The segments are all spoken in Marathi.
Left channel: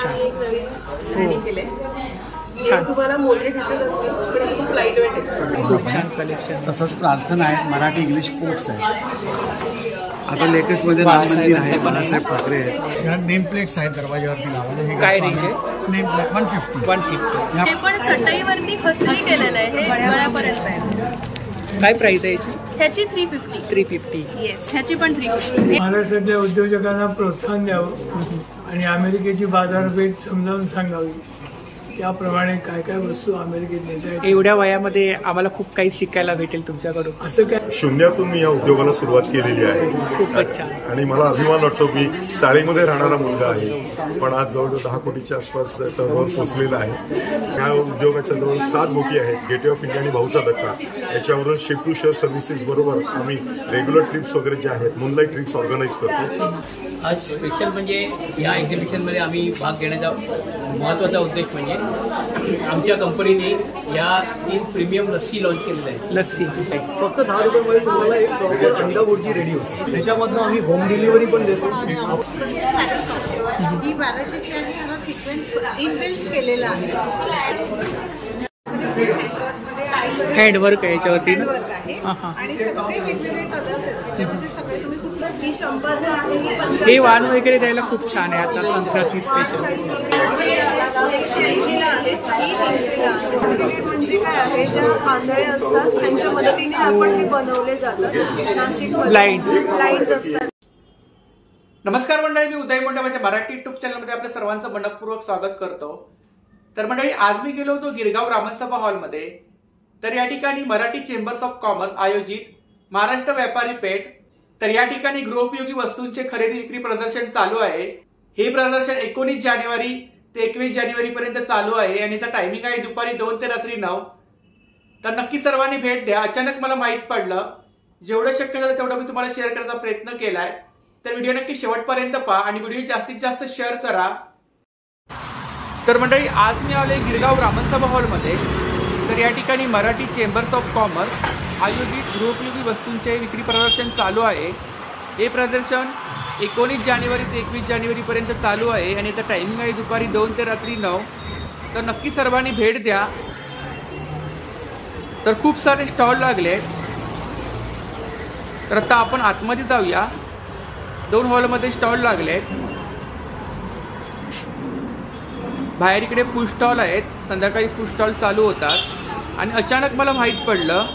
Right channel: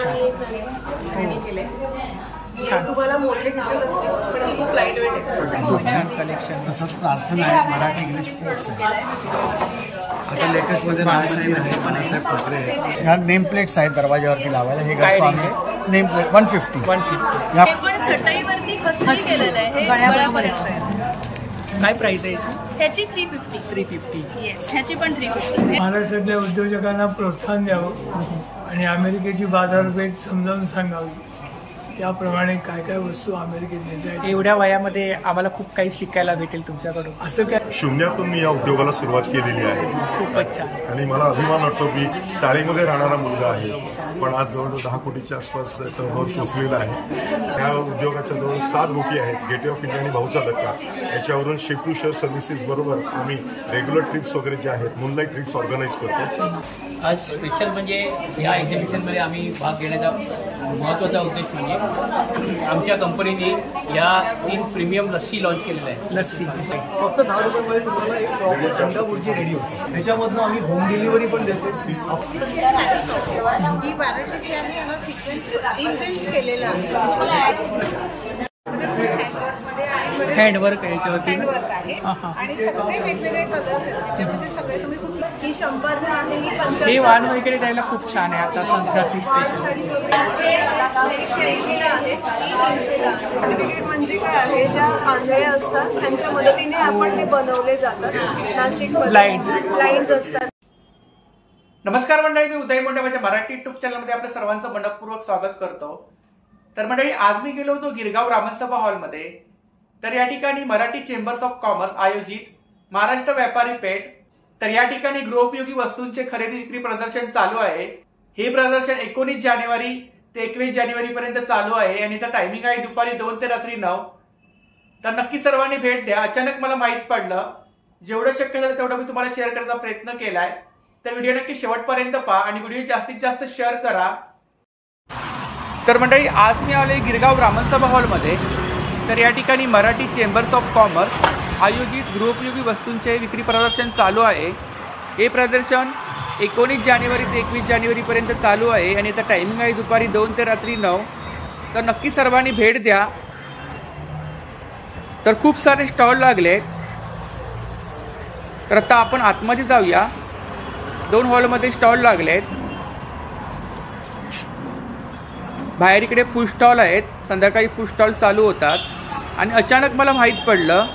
आता आम्ही एक नवीन खरेदी केले. हे तुम्हाला मोठे दिसत असतील पण हे खूप लाईट वेट आहे. खूप छान कलेक्शन. तसंच प्रार्थना आहे, मराठी इंग्लिश कोट्स आहे. आता लेटेस्ट मध्ये बाळासाहेब ठाकरे आहेत. ह्या नेम प्लेट्स आहेत दरवाजावरती लावायला. हे काय रेंज आहे? Name plate 150. हे पण चटईवरती खसली केलेलं आहे. हे गळ्यापर्यंत आहे. काय प्राइस आहे याची? ह्याची 350. येस, ह्याची पण 350. महाराष्ट्रातल्या उद्योजकांना प्रोत्साहन द्यावं आणि अमेरिकेची बाजारपेठ समजावून सांगावी. त्याप्रमाणे काय काय वस्तू अमेरिकेत नेता आहेत. एवढ्या वयामध्ये आम्हाला खूप काही शिकायला भेटेल तुमच्याकडून. असं काय शून्यातून मी या उद्योगाला सुरुवात केलेली आहे. खूपच छान. आणि मला अभिमान वाटतो मी साळीमध्ये राहणारा मुलगा आहे, पण आज जवळजवळ 10 कोटीच्या आसपास टर्नओव्हर पोहोचलेला आहे. या उद्योगाच्या जवळ 7 बोटी आहेत. गेटवे ऑफ इंडिया आणि भाऊचा धक्का याच्यावरून शिप टू शेअर सर्व्हिसेस बरोबर आम्ही रेग्युलर ट्रिप्स वगैरे जे आहेत, मूनलाईट ट्रिप्स ऑर्गनाईज करतो. आज स्पेशल म्हणजे या एक्झिबिशनमध्ये आम्ही भाग घेण्याचा महत्त्वाचा उद्देश म्हणजे आमच्या कंपनीने या 3 प्रीमियम लस्सी लॉन्च केलेल्या आहेत. लस्सी फक्त 10 रुपयामध्ये तुम्हाला एक प्रॉपर अंडा बुर्जी रेडी होते. त्याच्यामधनं आम्ही होम डिलिव्हरी पण देतो. ही 1200ची आहे. याला सिक्वेन्स इनबिल्ट केलेला आहे. हँडवर्क आहे याच्यावरती. हँडवर्क आहे आणि सगळे वेगवेगळे कलर्स आहेत त्याच्यामध्ये. सगळे तुम्ही कुठली. ही 100ला आहे. ही 50. हे वाण वगैरे द्यायला खूप छान आहे. आता संक्रांती स्पेशल. 180ला आहे. ही 300ला आहे. सर्टिफिकेट म्हणजे काय आहे, ज्या आंधळे असतात त्यांच्या मदतीने आपण हे बनवले जातात. नाशिकमध्ये ब्लाइंड असतात. नमस्कार मंडळी, मी उदय मोंडे माझ्या मराठी युट्यूब चॅनलमध्ये आपल्या सर्वांचं मनपूर्वक स्वागत करतो. तर मंडळी, आज मी गेलो होतो गिरगाव रामनसभा हॉलमध्ये. तर या ठिकाणी मराठी चेंबर्स ऑफ कॉमर्स आयोजित महाराष्ट्र व्यापारी पेठ. तर या ठिकाणी गृहोपयोगी वस्तूंचे खरेदी विक्री प्रदर्शन चालू आहे. हे प्रदर्शन 19 जानेवारी ते 21 जानेवारी पर्यंत चालू आहे आणि याचा टायमिंग आहे दुपारी 2 ते रात्री 9. तर नक्की सर्वांनी भेट द्या. अचानक मला माहित पडलं, जेवढं शक्य झालं तेवढं मी तुम्हाला शेअर करायचा प्रयत्न केलाय. तर व्हिडिओ नक्की शेवटपर्यंत पहा आणि व्हिडिओ जास्तीत जास्त शेअर करा. तर मंडळी, आज मी आलोय गिरगाव रामनसभा हॉलमध्ये. तर या ठिकाणी मराठी चेंबर्स ऑफ कॉमर्स आयोजित गृहोपयोगी वस्तूंचे विक्री प्रदर्शन चालू आहे. हे प्रदर्शन 19 जानेवारी ते 21 जानेवारी पर्यंत चालू आहे आणि याचा टायमिंग आहे दुपारी 2 ते रात्री 9. तर नक्की सर्वांनी भेट द्या. तर खूप सारे स्टॉल लागले. तर आता आपण आतमध्ये जाऊया. 2 हॉलमध्ये स्टॉल लागलेत. बाहेर इकडे फूड स्टॉल आहेत. संध्याकाळी फूड स्टॉल चालू होतात आणि अचानक मला माहीत पडलं.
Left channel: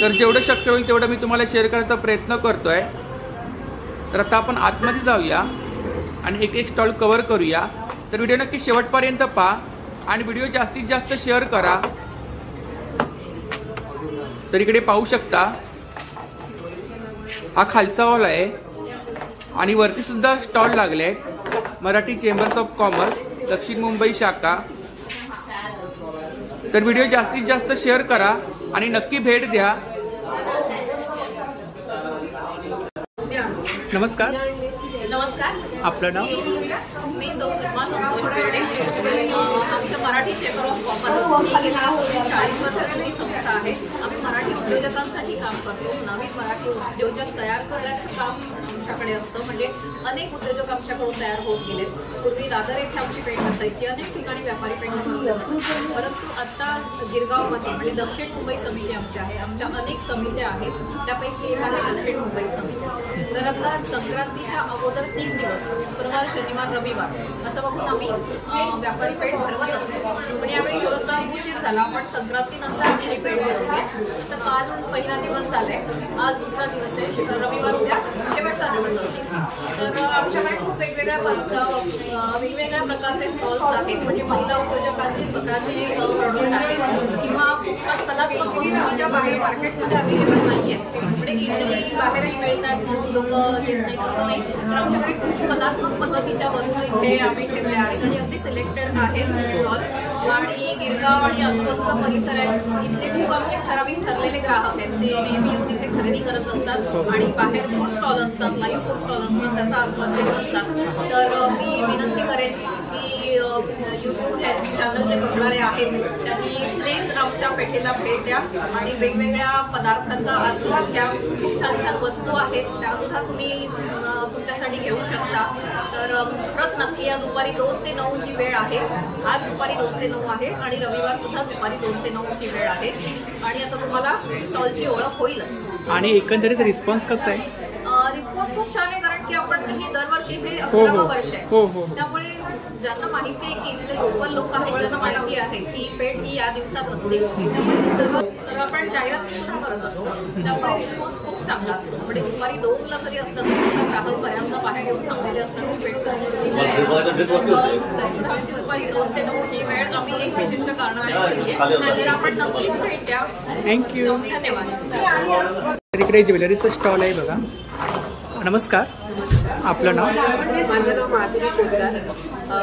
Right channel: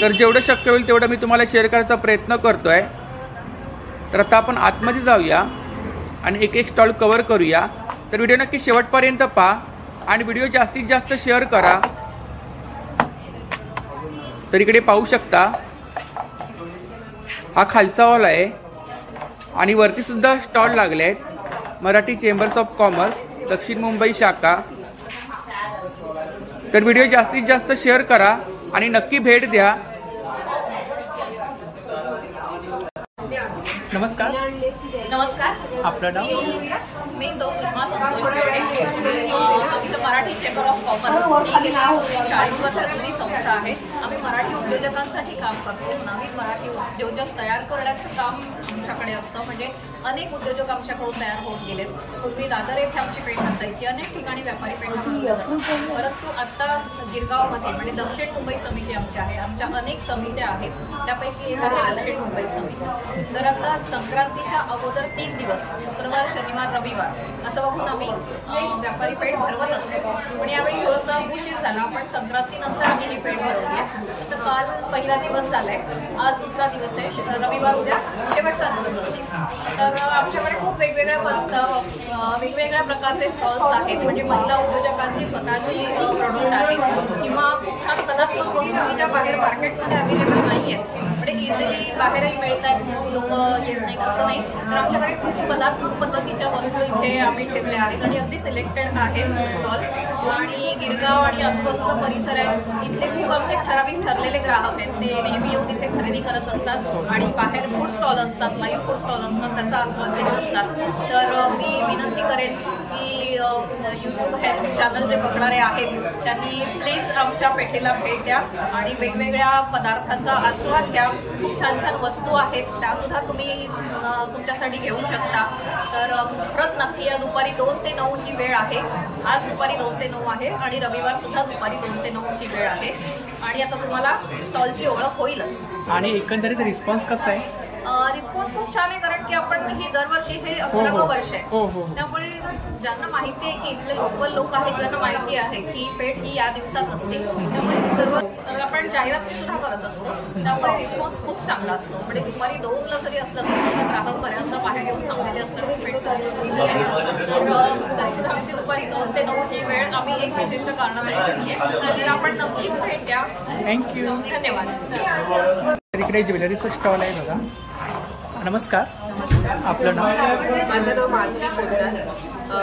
तर जेवढं शक्य होईल तेवढं मी तुम्हाला शेअर करायचा प्रयत्न करतोय. तर आता आपण आतमध्ये जाऊया आणि एक स्टॉल कव्हर करूया. तर व्हिडिओ नक्की शेवटपर्यंत पहा आणि व्हिडिओ जास्तीत जास्त शेअर करा. तर इकडे पाहू शकता, हा खालचा हॉल आहे आणि वरती सुद्धा स्टॉल लागले आहेत. मराठी चेंबर्स ऑफ कॉमर्स दक्षिण मुंबई शाखा. तर व्हिडिओ जास्तीत जास्त शेअर करा आणि नक्की भेट द्या. नमस्कार. आपलं नाव? मी सौ सुषमा संतोष बेर्डे. आमचं मराठी चेंबर ऑफ कॉमर्स ही गेली 40 वर्ष जुनी संस्था आहे. आम्ही मराठी उद्योजकांसाठी काम करतो. नवीन मराठी उद्योजक तयार करण्याचं काम आमच्याकडे असतं. म्हणजे अनेक उद्योजक आमच्याकडून तयार होत गेलेत. पूर्वी दादर येथे आमची पेठ असायची. अनेक ठिकाणी व्यापारी पेठा भरवल्या जातात. परंतु आता गिरगावमध्ये म्हणजे दक्षिण मुंबई समिती आमची आहे. आमच्या अनेक समित्या आहेत. त्यापैकी एक आहे दक्षिण मुंबई समिती. तर आता संक्रांतीच्या अगोदर 3 दिवस शुक्रवार, शनिवार, रविवार असं बघून आम्ही व्यापारी पेठ भरवत असतो. पण यावेळी थोडासा उशीर झाला. पण संक्रांतीनंतर आम्ही ही पेठ भरवली आहे. आता काल पहिला दिवस झालाय. आज दुसरा दिवस आहे. रविवार उद्या शेवटचा दिवस असेल. तर आमच्याकडे खूप वेगवेगळ्या प्रकारचे स्टॉल्स आहेत. म्हणजे महिला उद्योजकांची स्वतःची प्रोडक्ट आहेत किंवा खूप छान कलात्मक वस्तू ज्या बाहेर मार्केटमध्ये अवेलेबल नाही आहेत. म्हणजे इझिली बाहेरही मिळतात म्हणून लोक येत नाहीत असं नाही. तर आमच्याकडे खूप कलात्मक पद्धतीच्या वस्तू इथे आम्ही ठेवल्या आहेत आणि अगदी सिलेक्टेड आहेत स्टॉल. आणि गिरगाव आणि आजूबाजूचा परिसर आहे. इथले खूप आमचे ठराविक ठरलेले ग्राहक आहेत. ते नेहमी येऊन इथे खरेदी करत असतात आणि बाहेर फूड स्टॉल असतात, लाईव्ह फूड स्टॉल असतात, त्याचा आस्वाद घेत असतात. तर मी विनंती करेन की यूट्यूब हे चॅनल जे बघणारे आहेत त्यांनी प्लीज आमच्या पेठेला भेट द्या आणि वेगवेगळ्या पदार्थांचा आस्वाद घ्या. खूप छान छान वस्तू आहेत, त्यासुद्धा तुम्ही तुमच्यासाठी घेऊ शकता. तर खरंच नक्की या दुपारी 2 ते 9 ही वेळ आहे. आज दुपारी 2 ते 9 आहे आणि रविवार सुद्धा दुपारी 2 ते 9 ची वेळ आहे. आणि आता तुम्हाला स्टॉलची ओळख होईलच. आणि एकंदरीत रिस्पॉन्स कसा आहे? रिस्पॉन्स खूप छान आहे, कारण की आपण ही दरवर्षी हे 11वं वर्ष आहे. त्यामुळे ज्यांना माहिती आहे की इथले लोकल लोक आहेत, ज्यांना माहिती आहे की पेठ ही या दिवसात असते, त्यामुळे ही सर्व तर आपण जाहिराती सुद्धा करत असतो. त्यामुळे रिस्पॉन्स खूप चांगला असतो. म्हणजे दुपारी 2ला जरी असलं तरी सुद्धा ग्राहक बऱ्याचदा बाहेर येऊन थांबलेले असतात की पेठ कधी सुरू होईल. तरी सुद्धा आमची दुपारी 2 ते 9 ही वेळ आम्ही एक विशिष्ट कारणासाठी ठेवली आहे. तर आपण नक्कीच भेट द्या. थँक्यू. धन्यवाद. इकडे ज्वेलरीचं स्टॉल आहे बघा. नमस्कार. नमस्कार. आपलं नाव? माझं नाव माधुरी पोद्दार.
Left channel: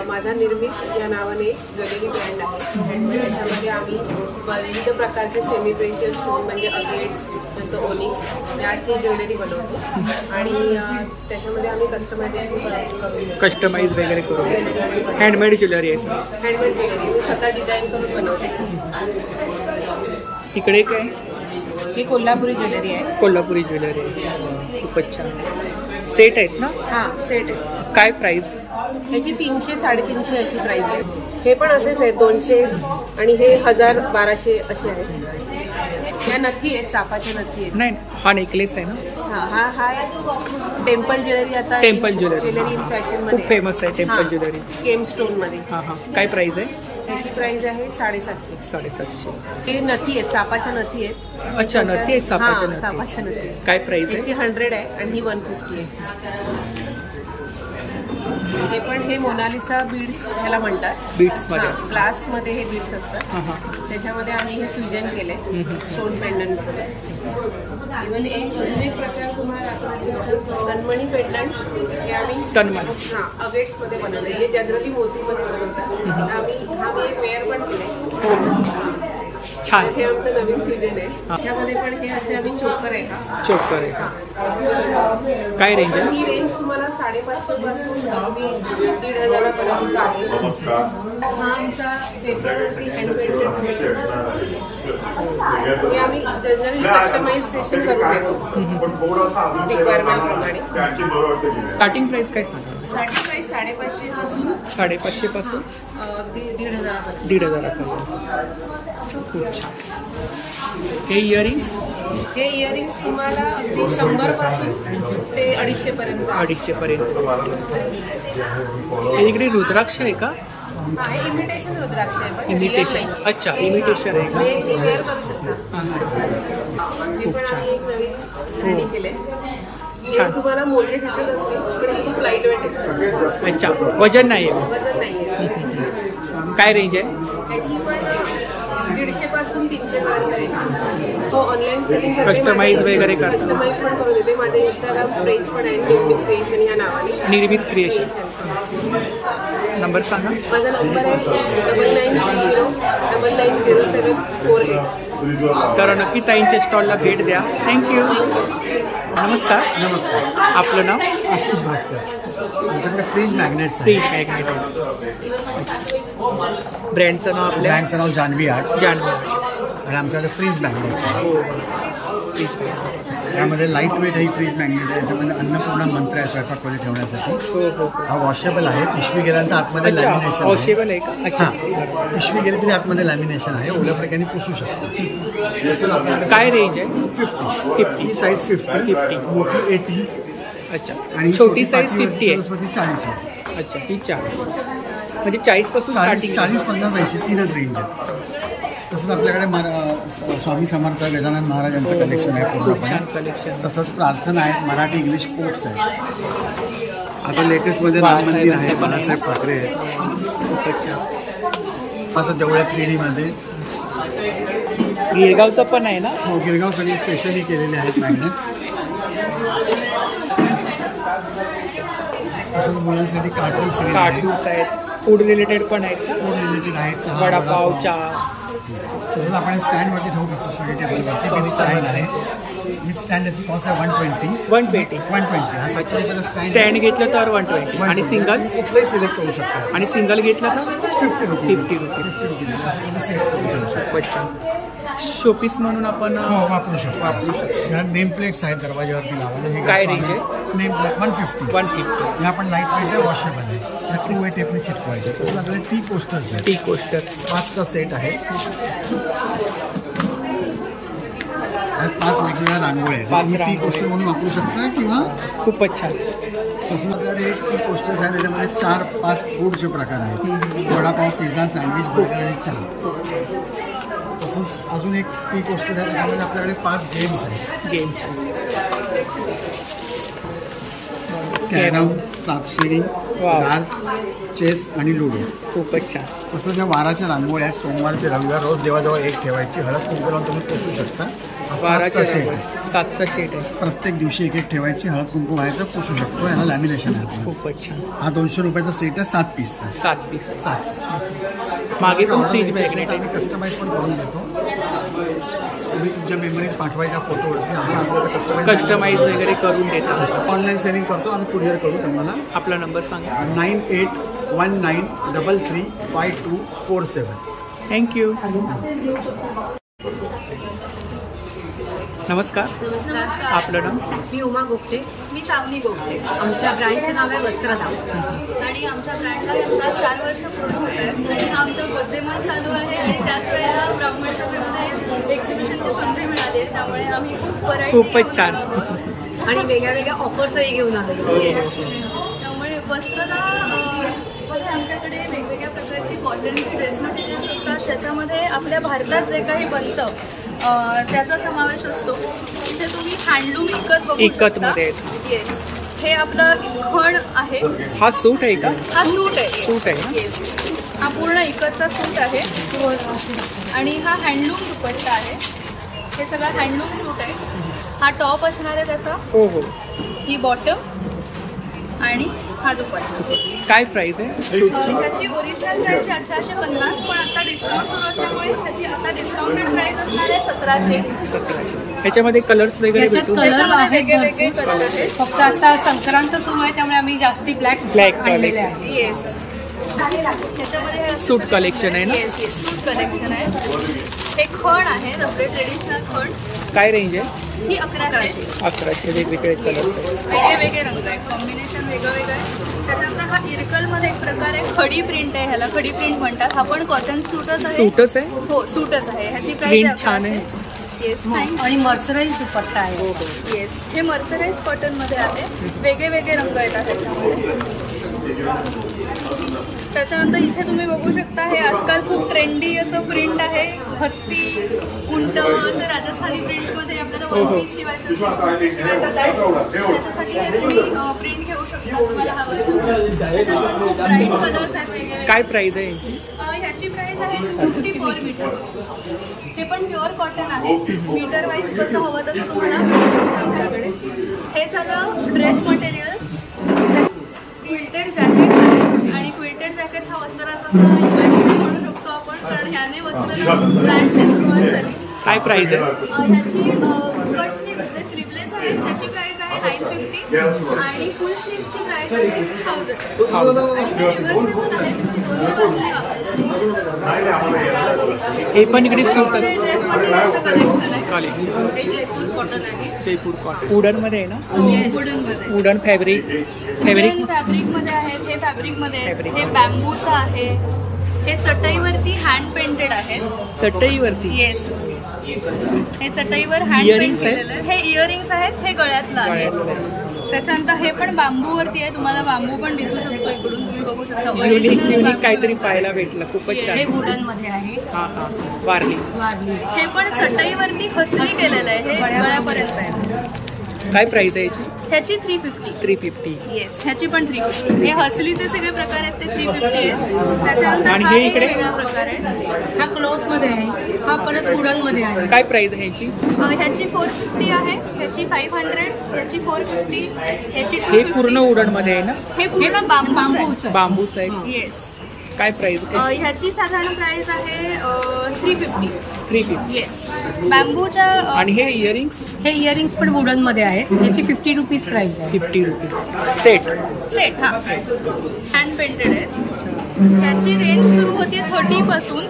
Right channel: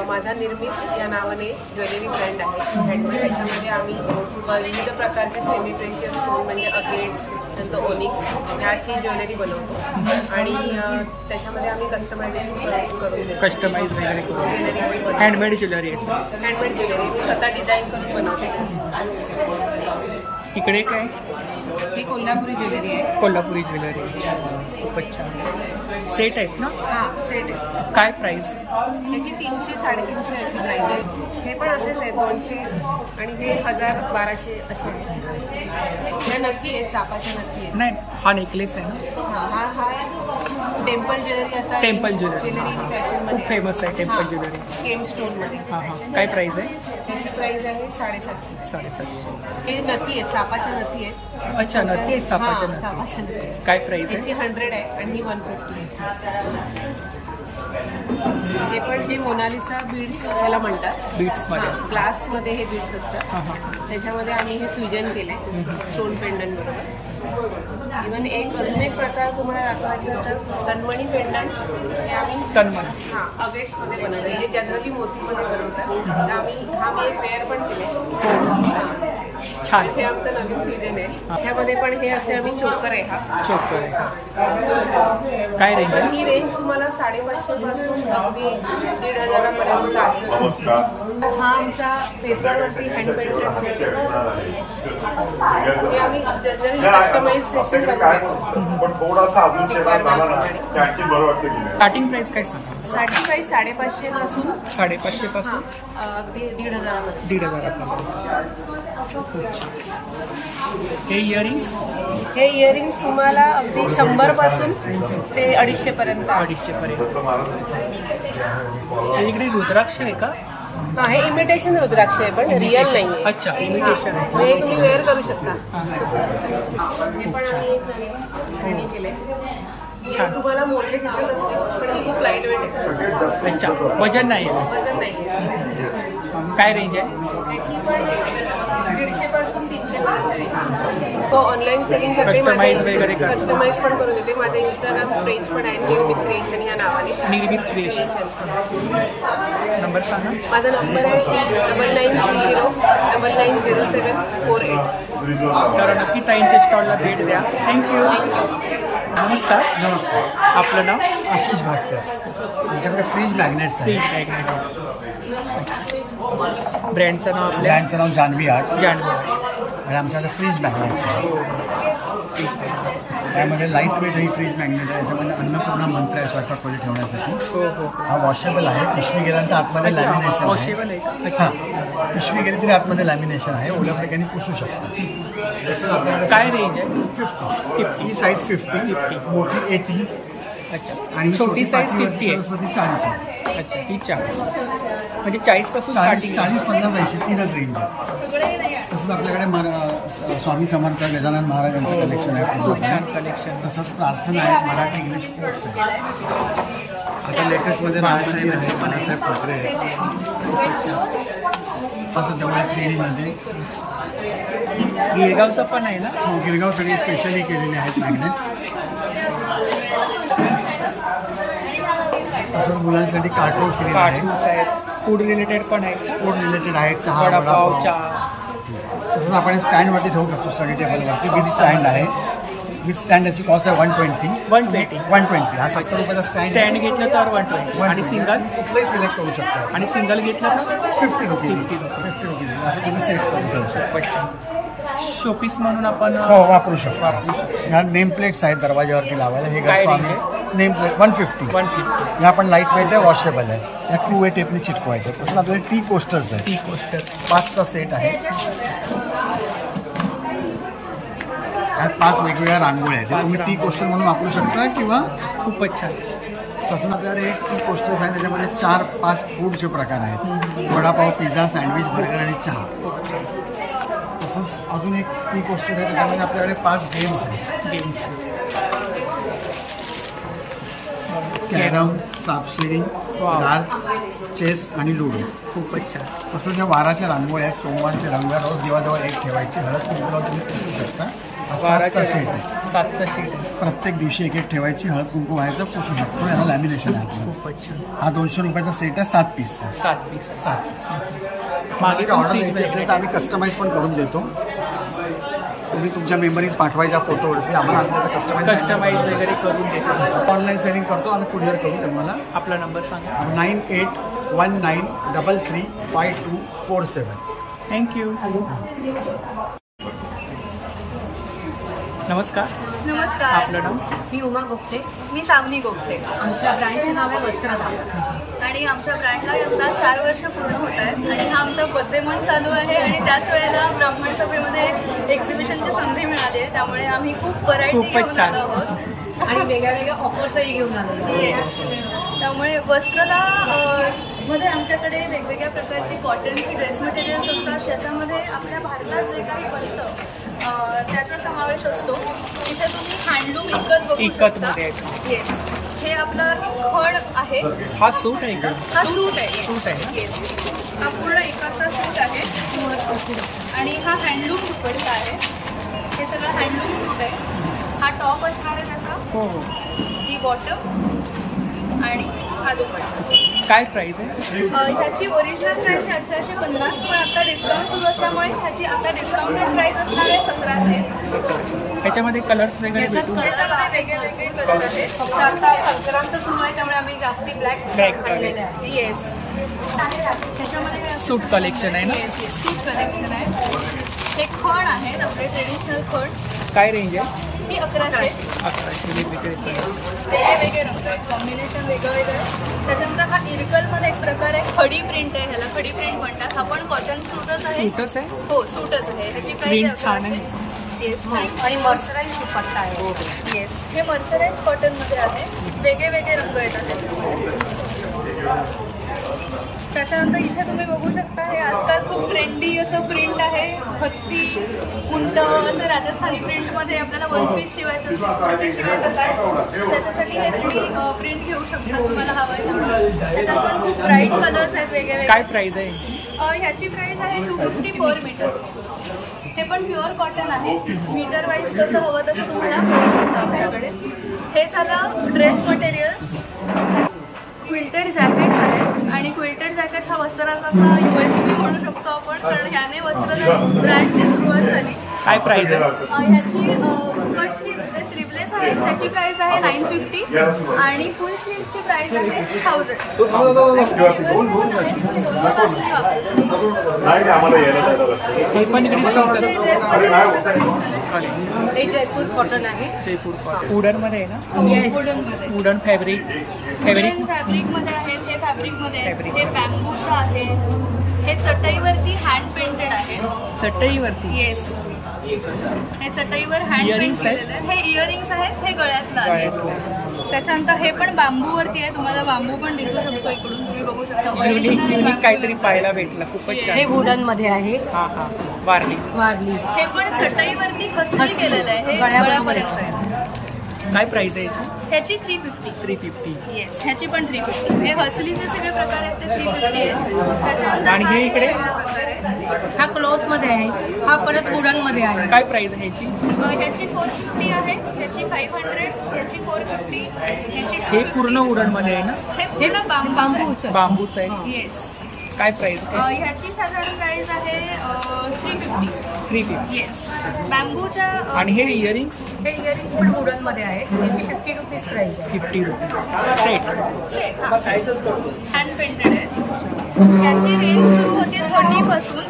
माझा निर्मित या नावाने ज्वेलरी ब्रँड आहे हँडमेड. ह्याच्यामध्ये आम्ही विविध प्रकारचे सेमी प्रेशियस स्टोन म्हणजे अगेट्स, नंतर ओनिक्स याची ज्वेलरी बनवतो आणि त्याच्यामध्ये आम्ही कस्टमायझेशन करून देतो. कस्टमाइज वगैरे करून ज्वेलरी पण बनवतो. हँडमेड ज्वेलरी आहे सर? हँडमेड ज्वेलरी मी स्वतः डिझाईन करून बनवते. इकडे काय? ही कोल्हापुरी ज्वेलरी आहे. कोल्हापुरी ज्वेलरी आहे. खूपच छान. सेट आहेत ना? हां, सेट. काय प्राइस? ह्याची 300-350 अशी प्राइस आहे. हे पण असेच आहे 200 आणि हे 1000-1200 असे आहेत. ह्या नथी आहेत, चापाच्या नथी आहेत. नाही, हा नेकलेस आहे ना? हा टेम्पल ज्वेलरी. आता टेम्पल ज्वेलरी फॅशन खूप फेमस आहे. टेम्पल ज्वेलरी केम स्टोन मध्ये. हा. काय प्राइस आहे? त्याची प्राइस आहे 750. 750. हे नथी आहेत, चापाच्या नथी आहेत. अच्छा, नथी आहेत चापाच्या चापाच्या नथी. काय प्राइस आहे? त्याची 100 आहे आणि ही 150 आहे. हे पण हे मोनालिसा बीड्स ह्याला म्हणतात. बीड्स मध्ये ग्लास मध्ये हे बीड्स असतात. त्याच्यामध्ये आम्ही हे फ्युजन केलंय स्टोन पेंडंट बरोबर. इव्हन अजून एक प्रकार तुम्हाला दाखवायचं तर तन्मणी पेंडंट. हे आम्ही तन्मणी अगेट्स मध्ये बनवलंय, जे जनरली मोतीमध्ये बनवतात. आम्ही एक वेअर पण केलंय. छान. हे आमचं नवीन फ्युजन आहे. त्याच्यामध्ये पण हे असे आम्ही चोकर आहे. हा चोकर आहे. काय रेंज आहे? ही रेंज तुम्हाला 550 पासून अगदी 1500 पर्यंत आहे. हा आमचा पेपरवरती हँड पेंटेड सेट आहे. हे आम्ही जनरली कस्टमाइझेशन करून देतो रिक्वायरमेंट प्रमाणे. स्टार्टिंग प्राइस काय सांगा? स्टार्टिंग प्राइस 550 पासून 550 पासून अगदी 1500 पर्यंत. 1500 पर्यंत. खूप छान. हे इयरिंग्स? हे इयरिंग्स तुम्हाला अगदी 100 पासून ते 250 पर्यंत. 250 पर्यंत. इकडे रुद्राक्ष आहे का? हे इमिटेशन रुद्राक्ष आहे, पण रिअल नाही. अच्छा, इमिटेशन आहे का? हे वेअर करू शकता. हे पण आम्ही एक नवीन रेडी केले. हे तुम्हाला मोठे दिसत असतील, पण हे खूप लाईट वेट आहे. अच्छा, वजन नाही आहे? वजन नाहीये. काय रेंज आहे? याची पण 150 पासून 300 पर्यंत रेंज. तो ऑनलाईन सेलिंग करते. कस्टमाइज वगैरे करते. कस्टमाइज पण करून देते. माझं इंस्टाग्राम पेज पण आहे निर्मित क्रिएशन या नावाने. निर्मित क्रिएशन. नंबर सांगा. माझा नंबर आहे 9930990748. तर नक्की ताईंच्या स्टॉलला भेट द्या. थँक्यू. नमस्कार. आपलं नाव? आशिष भाटकर. आमच्याकडे फ्रीज मॅग्नेट्स आहे. Fridge magnet. ब्रँडचं नाव? आपल्या ब्रँडचं नाव जान्हवी आर्ट्स. जान्हवी आर्ट्स. आणि आमच्याकडे फ्रीज मॅग्नेट्स आहे. हो. फ्रीज. त्यामध्ये लाईट वेट ही फ्रीज मॅग्नेट आहे. याच्यामध्ये अन्नपूर्णा मंत्र आहे स्वयंपाकमध्ये ठेवण्यासाठी. हो. हा वॉशेबल आहे. पिशवी गेल्यानंतर आतमध्ये लॅमिनेशन आहे. वॉशेबल आहे का? अच्छा. पिशवी गेली तरी आतमध्ये लॅमिनेशन आहे. ओल्या फडक्याने पुसू शकतो. तसंच आपल्याकडे काय रेंज आहे? 50. ही साईज 50, मोठी 80. अच्छा. आणि छोटी साईज 50 आहे. सरस्वती 40. अच्छा, ही 40. म्हणजे 40 पासून स्टार्टिंग. 40, 50, 80 तीनच रेंज आहे. तसंच आपल्याकडे स्वामी समर्थ गजानन महाराज यांचं कलेक्शन आहे. खूप छान कलेक्शन. तसंच प्रार्थना आहे. मराठी इंग्लिश कोट्स आहे. आता लेटेस्ट मध्ये बाळासाहेब ठाकरे आहेत. खूपच छान. आता देवळ्या त्रिणीमध्ये गिरगावचं पण आहे ना? हो, गिरगावसाठी स्पेशली केलेले आहेत मॅग्नेट्स. तसंच मुलांसाठी कार्टून्स आहेत. फूड रिलेटेड पण आहेत का? फूड रिलेटेड आहेत. चहा, वडापाव, चहा. तसंच आपण स्टँडवरती ठेवू शकतो. स्टडी टेबलवरती स्टँड आहे. विथ स्टँड याची कॉस्ट आहे 120. 120. 120 हा 70 रुपयाचा स्टँड घेतलं तर 120 आणि सिंगल कुठलंही सिलेक्ट करू शकता. आणि सिंगल घेतलं तर 50 रुपीज. 50 रुपीज असं तुम्ही सिलेक्ट करून ठेवू शकता. अच्छा. शोपीस म्हणून आपण वापरू शकतो. ह्या नेम प्लेट्स आहेत दरवाजावरती लावायला. हे काय रेंज आहे? Name plate 150. 150. या पण लाईट वेट आहे, वॉशेबल आहे. 2 वे टेपनी चिटकवायचे. तसं आपल्याला टी कोस्टर्स आहे. टी कोस्टर 5चा सेट आहे. यात 5 वेगवेगळ्या रांगोळ्या आहेत. तुम्ही टी कोस्टर म्हणून वापरू शकता किंवा खूपच छान. तसं आपल्याकडे एक टी कोस्टर्स आहे, त्याच्यामध्ये 4-5 फूडचे प्रकार आहेत. वडापाव, पिझ्झा, सँडविच, बर्गर आणि चहा. तसंच अजून एक टी कोस्टर आहे, त्याच्यामध्ये आपल्याकडे 5 गेम्स आहेत. कॅरम, सापशिडी, डार्ट, चेस आणि लुडो. खूपच छान. तसं ज्या वाराच्या रांगोळ्या आहेत, सोमवार ते रविवार रोज देवाजवळ एक ठेवायची. हळद कुंकू लावून तुम्ही पोचू शकता. 7चा सेट आहे. 7चा सेट आहे. प्रत्येक दिवशी एक ठेवायची. हळद कुंकू व्हायचं, पुसू शकतो. याला लॅमिनेशन आहे. खूपच छान. हा 200 रुपयाचा सेट आहे. 7 पीसचा. 7 पीस. 7 पीस. मागे पण फ्रीज मॅग्नेट आम्ही कस्टमाइज पण करून देतो. तुम्ही तुमच्या मेमरीज पाठवायच्या फोटोवरती. आम्हाला आपल्याला कस्टमाइज वगैरे करून देतात. ऑनलाईन सेलिंग करतो आम्ही. कुरिअर करू तुम्हाला. आपला नंबर सांगा. 9819335247. थँक्यू. नमस्कार. आपलं नाव? मी उमा गोपटे. मी सावनी गोपटे. आमच्या ब्रँडचं नाव आहे वस्त्रधाम आणि आमच्या ब्रँडला आता 4 वर्ष पूर्ण होत आहेत आणि हा आमचा बर्थडे मंथ चालू आहे आणि त्याच वेळेला ब्राह्मण सभेमध्ये एक्झिबिशनची संधी मिळाली आहे. त्यामुळे आम्ही खूप व्हरायटी घेऊन आलो आहोत आणि वेगळ्या वेगळ्या ऑफर्सही घेऊन आलेलो आहोत. त्यामुळे वस्त्रदा मध्ये आमच्याकडे वेगवेगळ्या प्रकारची कॉटनची ड्रेस मटेरियल्स असतात. त्याच्यामध्ये आपल्या भारतात जे काही बनतं त्याचा समावेश असतो. इथे तुम्ही हँडलूम इकत मध्ये. येस. हे आपलं खण आहे. हा सूट आहे का? हा सूट आहे. सूट आहे ना? हा पूर्ण इकतचा सूट आहे आणि हा हँडलूम दुपट्टा आहे. हे सगळं हँडलूम सूट आहे. हा टॉप असणार आहे त्याचा. हो हो. ही बॉटम आणि हा दुपट्टा. काय प्राइस आहे? ह्याची ओरिजिनल प्राइस आहे 1850. पण आता डिस्काउंट सुरू असल्यामुळे ह्याची आता डिस्काउंटेड प्राइस असणार आहे 1700. ह्याच्यामध्ये कलर्स वगैरे भेटून त्याच्यामध्ये वेगळे कलर आहेत. फक्त आता संक्रांत सुरू आहे त्यामुळे आम्ही जास्ती ब्लॅक आणलेले आहे. येस. ह्याच्यामध्ये सूट कलेक्शन आहे ना? सूट कलेक्शन आहे. हे खण आहे आपले ट्रेडिशनल खण. काय रेंज आहे? ही 1100. 1100. वेगवेगळे कलर. वेगवेगळे रंग आहेत. कॉम्बिनेशन वेगळं वेगळं आहे. त्याच्यानंतर हा इरकलमध्ये एक प्रकार आहे. खडी प्रिंट आहे. ह्याला खडी प्रिंट म्हणतात. हा पण कॉटन सूटच आहे. सूटच आहे? हो सूटच आहे. ह्याची प्रिंट छान आहे. येस. आणि मर्सराईज दुपट्टा आहे. येस. हे मर्सराईज कॉटन मध्ये आहे. वेगळे वेगळे रंग येतात. त्याच्यानंतर इथे तुम्ही बघू शकता हे आजकाल खूप ट्रेंडी असं प्रिंट आहे. हत्ती, उंट असं राजस्थानी प्रिंटमध्ये आपल्याला वन पीस शिवायचं असेल, कुर्ती शिवायचं असेल त्याच्यासाठी हे तुम्ही प्रिंट घेऊ शकता तुम्हाला हवं आहे. त्याच्यात पण खूप ब्राईट कलर्स आहेत वेगळे. काय प्राइस आहे यांची? ह्याची प्राइस आहे 250 पर मीटर. हे पण प्युअर कॉटन आहे. मीटर वाईज कसं हवं तसं तुम्हाला मिळू शकतं आमच्याकडे. हे झालं ड्रेस मटेरियल्स. क्विल्टेड जॅकेट्स आहेत आणि क्विल्टेड जॅकेट्स हा वस्त्रांचा USP म्हणू शकतो आपण, कारण ह्याने वस्त्रांना ब्रँडची सुरुवात झाली. काय प्राइस आहे? ह्याची कट स्लीव्ह जे स्लीवलेस आहेत त्याची प्राइस आहे 950 आणि फुल स्लीव्हची प्राइस आहे 1000. आणि हे रिव्हर्सेबल आहेत. तुम्ही दोन्ही बाजूने वापरता. हे पण इकडे सूट असतं. हे जयपूर कॉटन आहे. जयपूर कॉटन. वुडन मध्ये आहे ना? वुडन मध्ये. वुडन फॅब्रिक मध्ये आहेत. हे फॅब्रिक मध्ये आहेत. हे बॅम्बूचं आहे. हे चटईवरती हँड पेंटेड आहे. चटईवरती? येस. हे चटईवर हँड पेंट केलेलं आहे. हे इयरिंग्स आहेत. हे गळ्यातलं आहे. त्याच्यानंतर हे पण बांबूवरती आहे. तुम्हाला बांबू पण दिसू शकतो इकडून. तुम्ही बघू शकता. युनिक काहीतरी पाहायला भेटलं. खूपच छान. वुडन मध्ये आहे. हा हा. वारली. हे पण चटईवरती खसली केलेलं आहे. हे गळ्यापर्यंत आहे. काय प्राइस आहे याची? ह्याची 350. 350. येस. ह्याची पण 350. हे हसलीचे सगळे प्रकार आहेत ते 350 आहेत. त्याच्यानंतर आणि हे इकडे प्रकार आहे. हा क्लॉथ मध्ये आहे. हा परत वुडन मध्ये आहे. काय प्राइस आहे ह्याची? ह्याची 450 आहे. ह्याची 500. ह्याची 450. ह्याची 250. हे पूर्ण वुडन मध्ये आहे ना? हे पूर्ण बांबूचं बांबूच आहे. येस. काय प्राइस? ह्याची साधारण प्राइस आहे 350. 350. येस. बांबूच्या आणि हे इयरिंग्स? हे इयरिंग्स पण वुडन मध्ये आहेत. त्याची 50 रुपीज प्राइस आहे. 50 रुपीज सेट. सेट हा हँड पेंटेड आहे. त्याची रेंज सुरू होते 30 पासून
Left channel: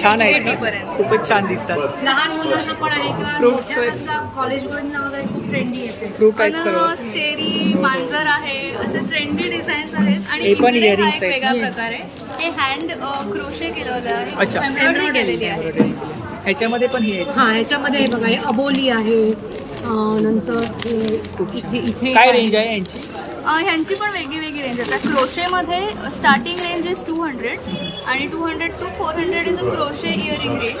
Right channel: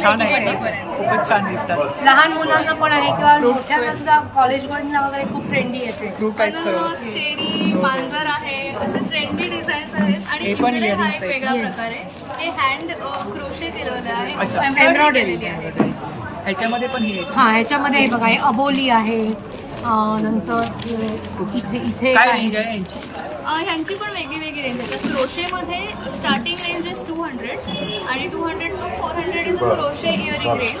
छान आहे 80 पर्यंत. खूपच छान दिसतात. लहान मुलांना पण आहे किंवा Fruits मोठ्या कॉलेज वगैरे खूप ट्रेंडी येते. फ्रूट आहेत सर्व. अननस, चेरी, मांजर आहे, असे ट्रेंडी डिझाईन्स आहेत. आणि हे पण इकडे हा earrings एक आहेत. वेगळा प्रकार आहे. हे हँड क्रोशे केलेलं आहे. अच्छा. एम्ब्रॉयडरी केलेली आहे. ह्याच्यामध्ये पण हे हा ह्याच्यामध्ये हे बघा, हे अबोली आहे. नंतर इथे काय रेंज आहे यांची? ह्यांची पण वेगळी वेगळी रेंज आहे. क्रोशेमध्ये स्टार्टिंग रेंज इज 200 आणि 200 to 400 is a crochet earring range.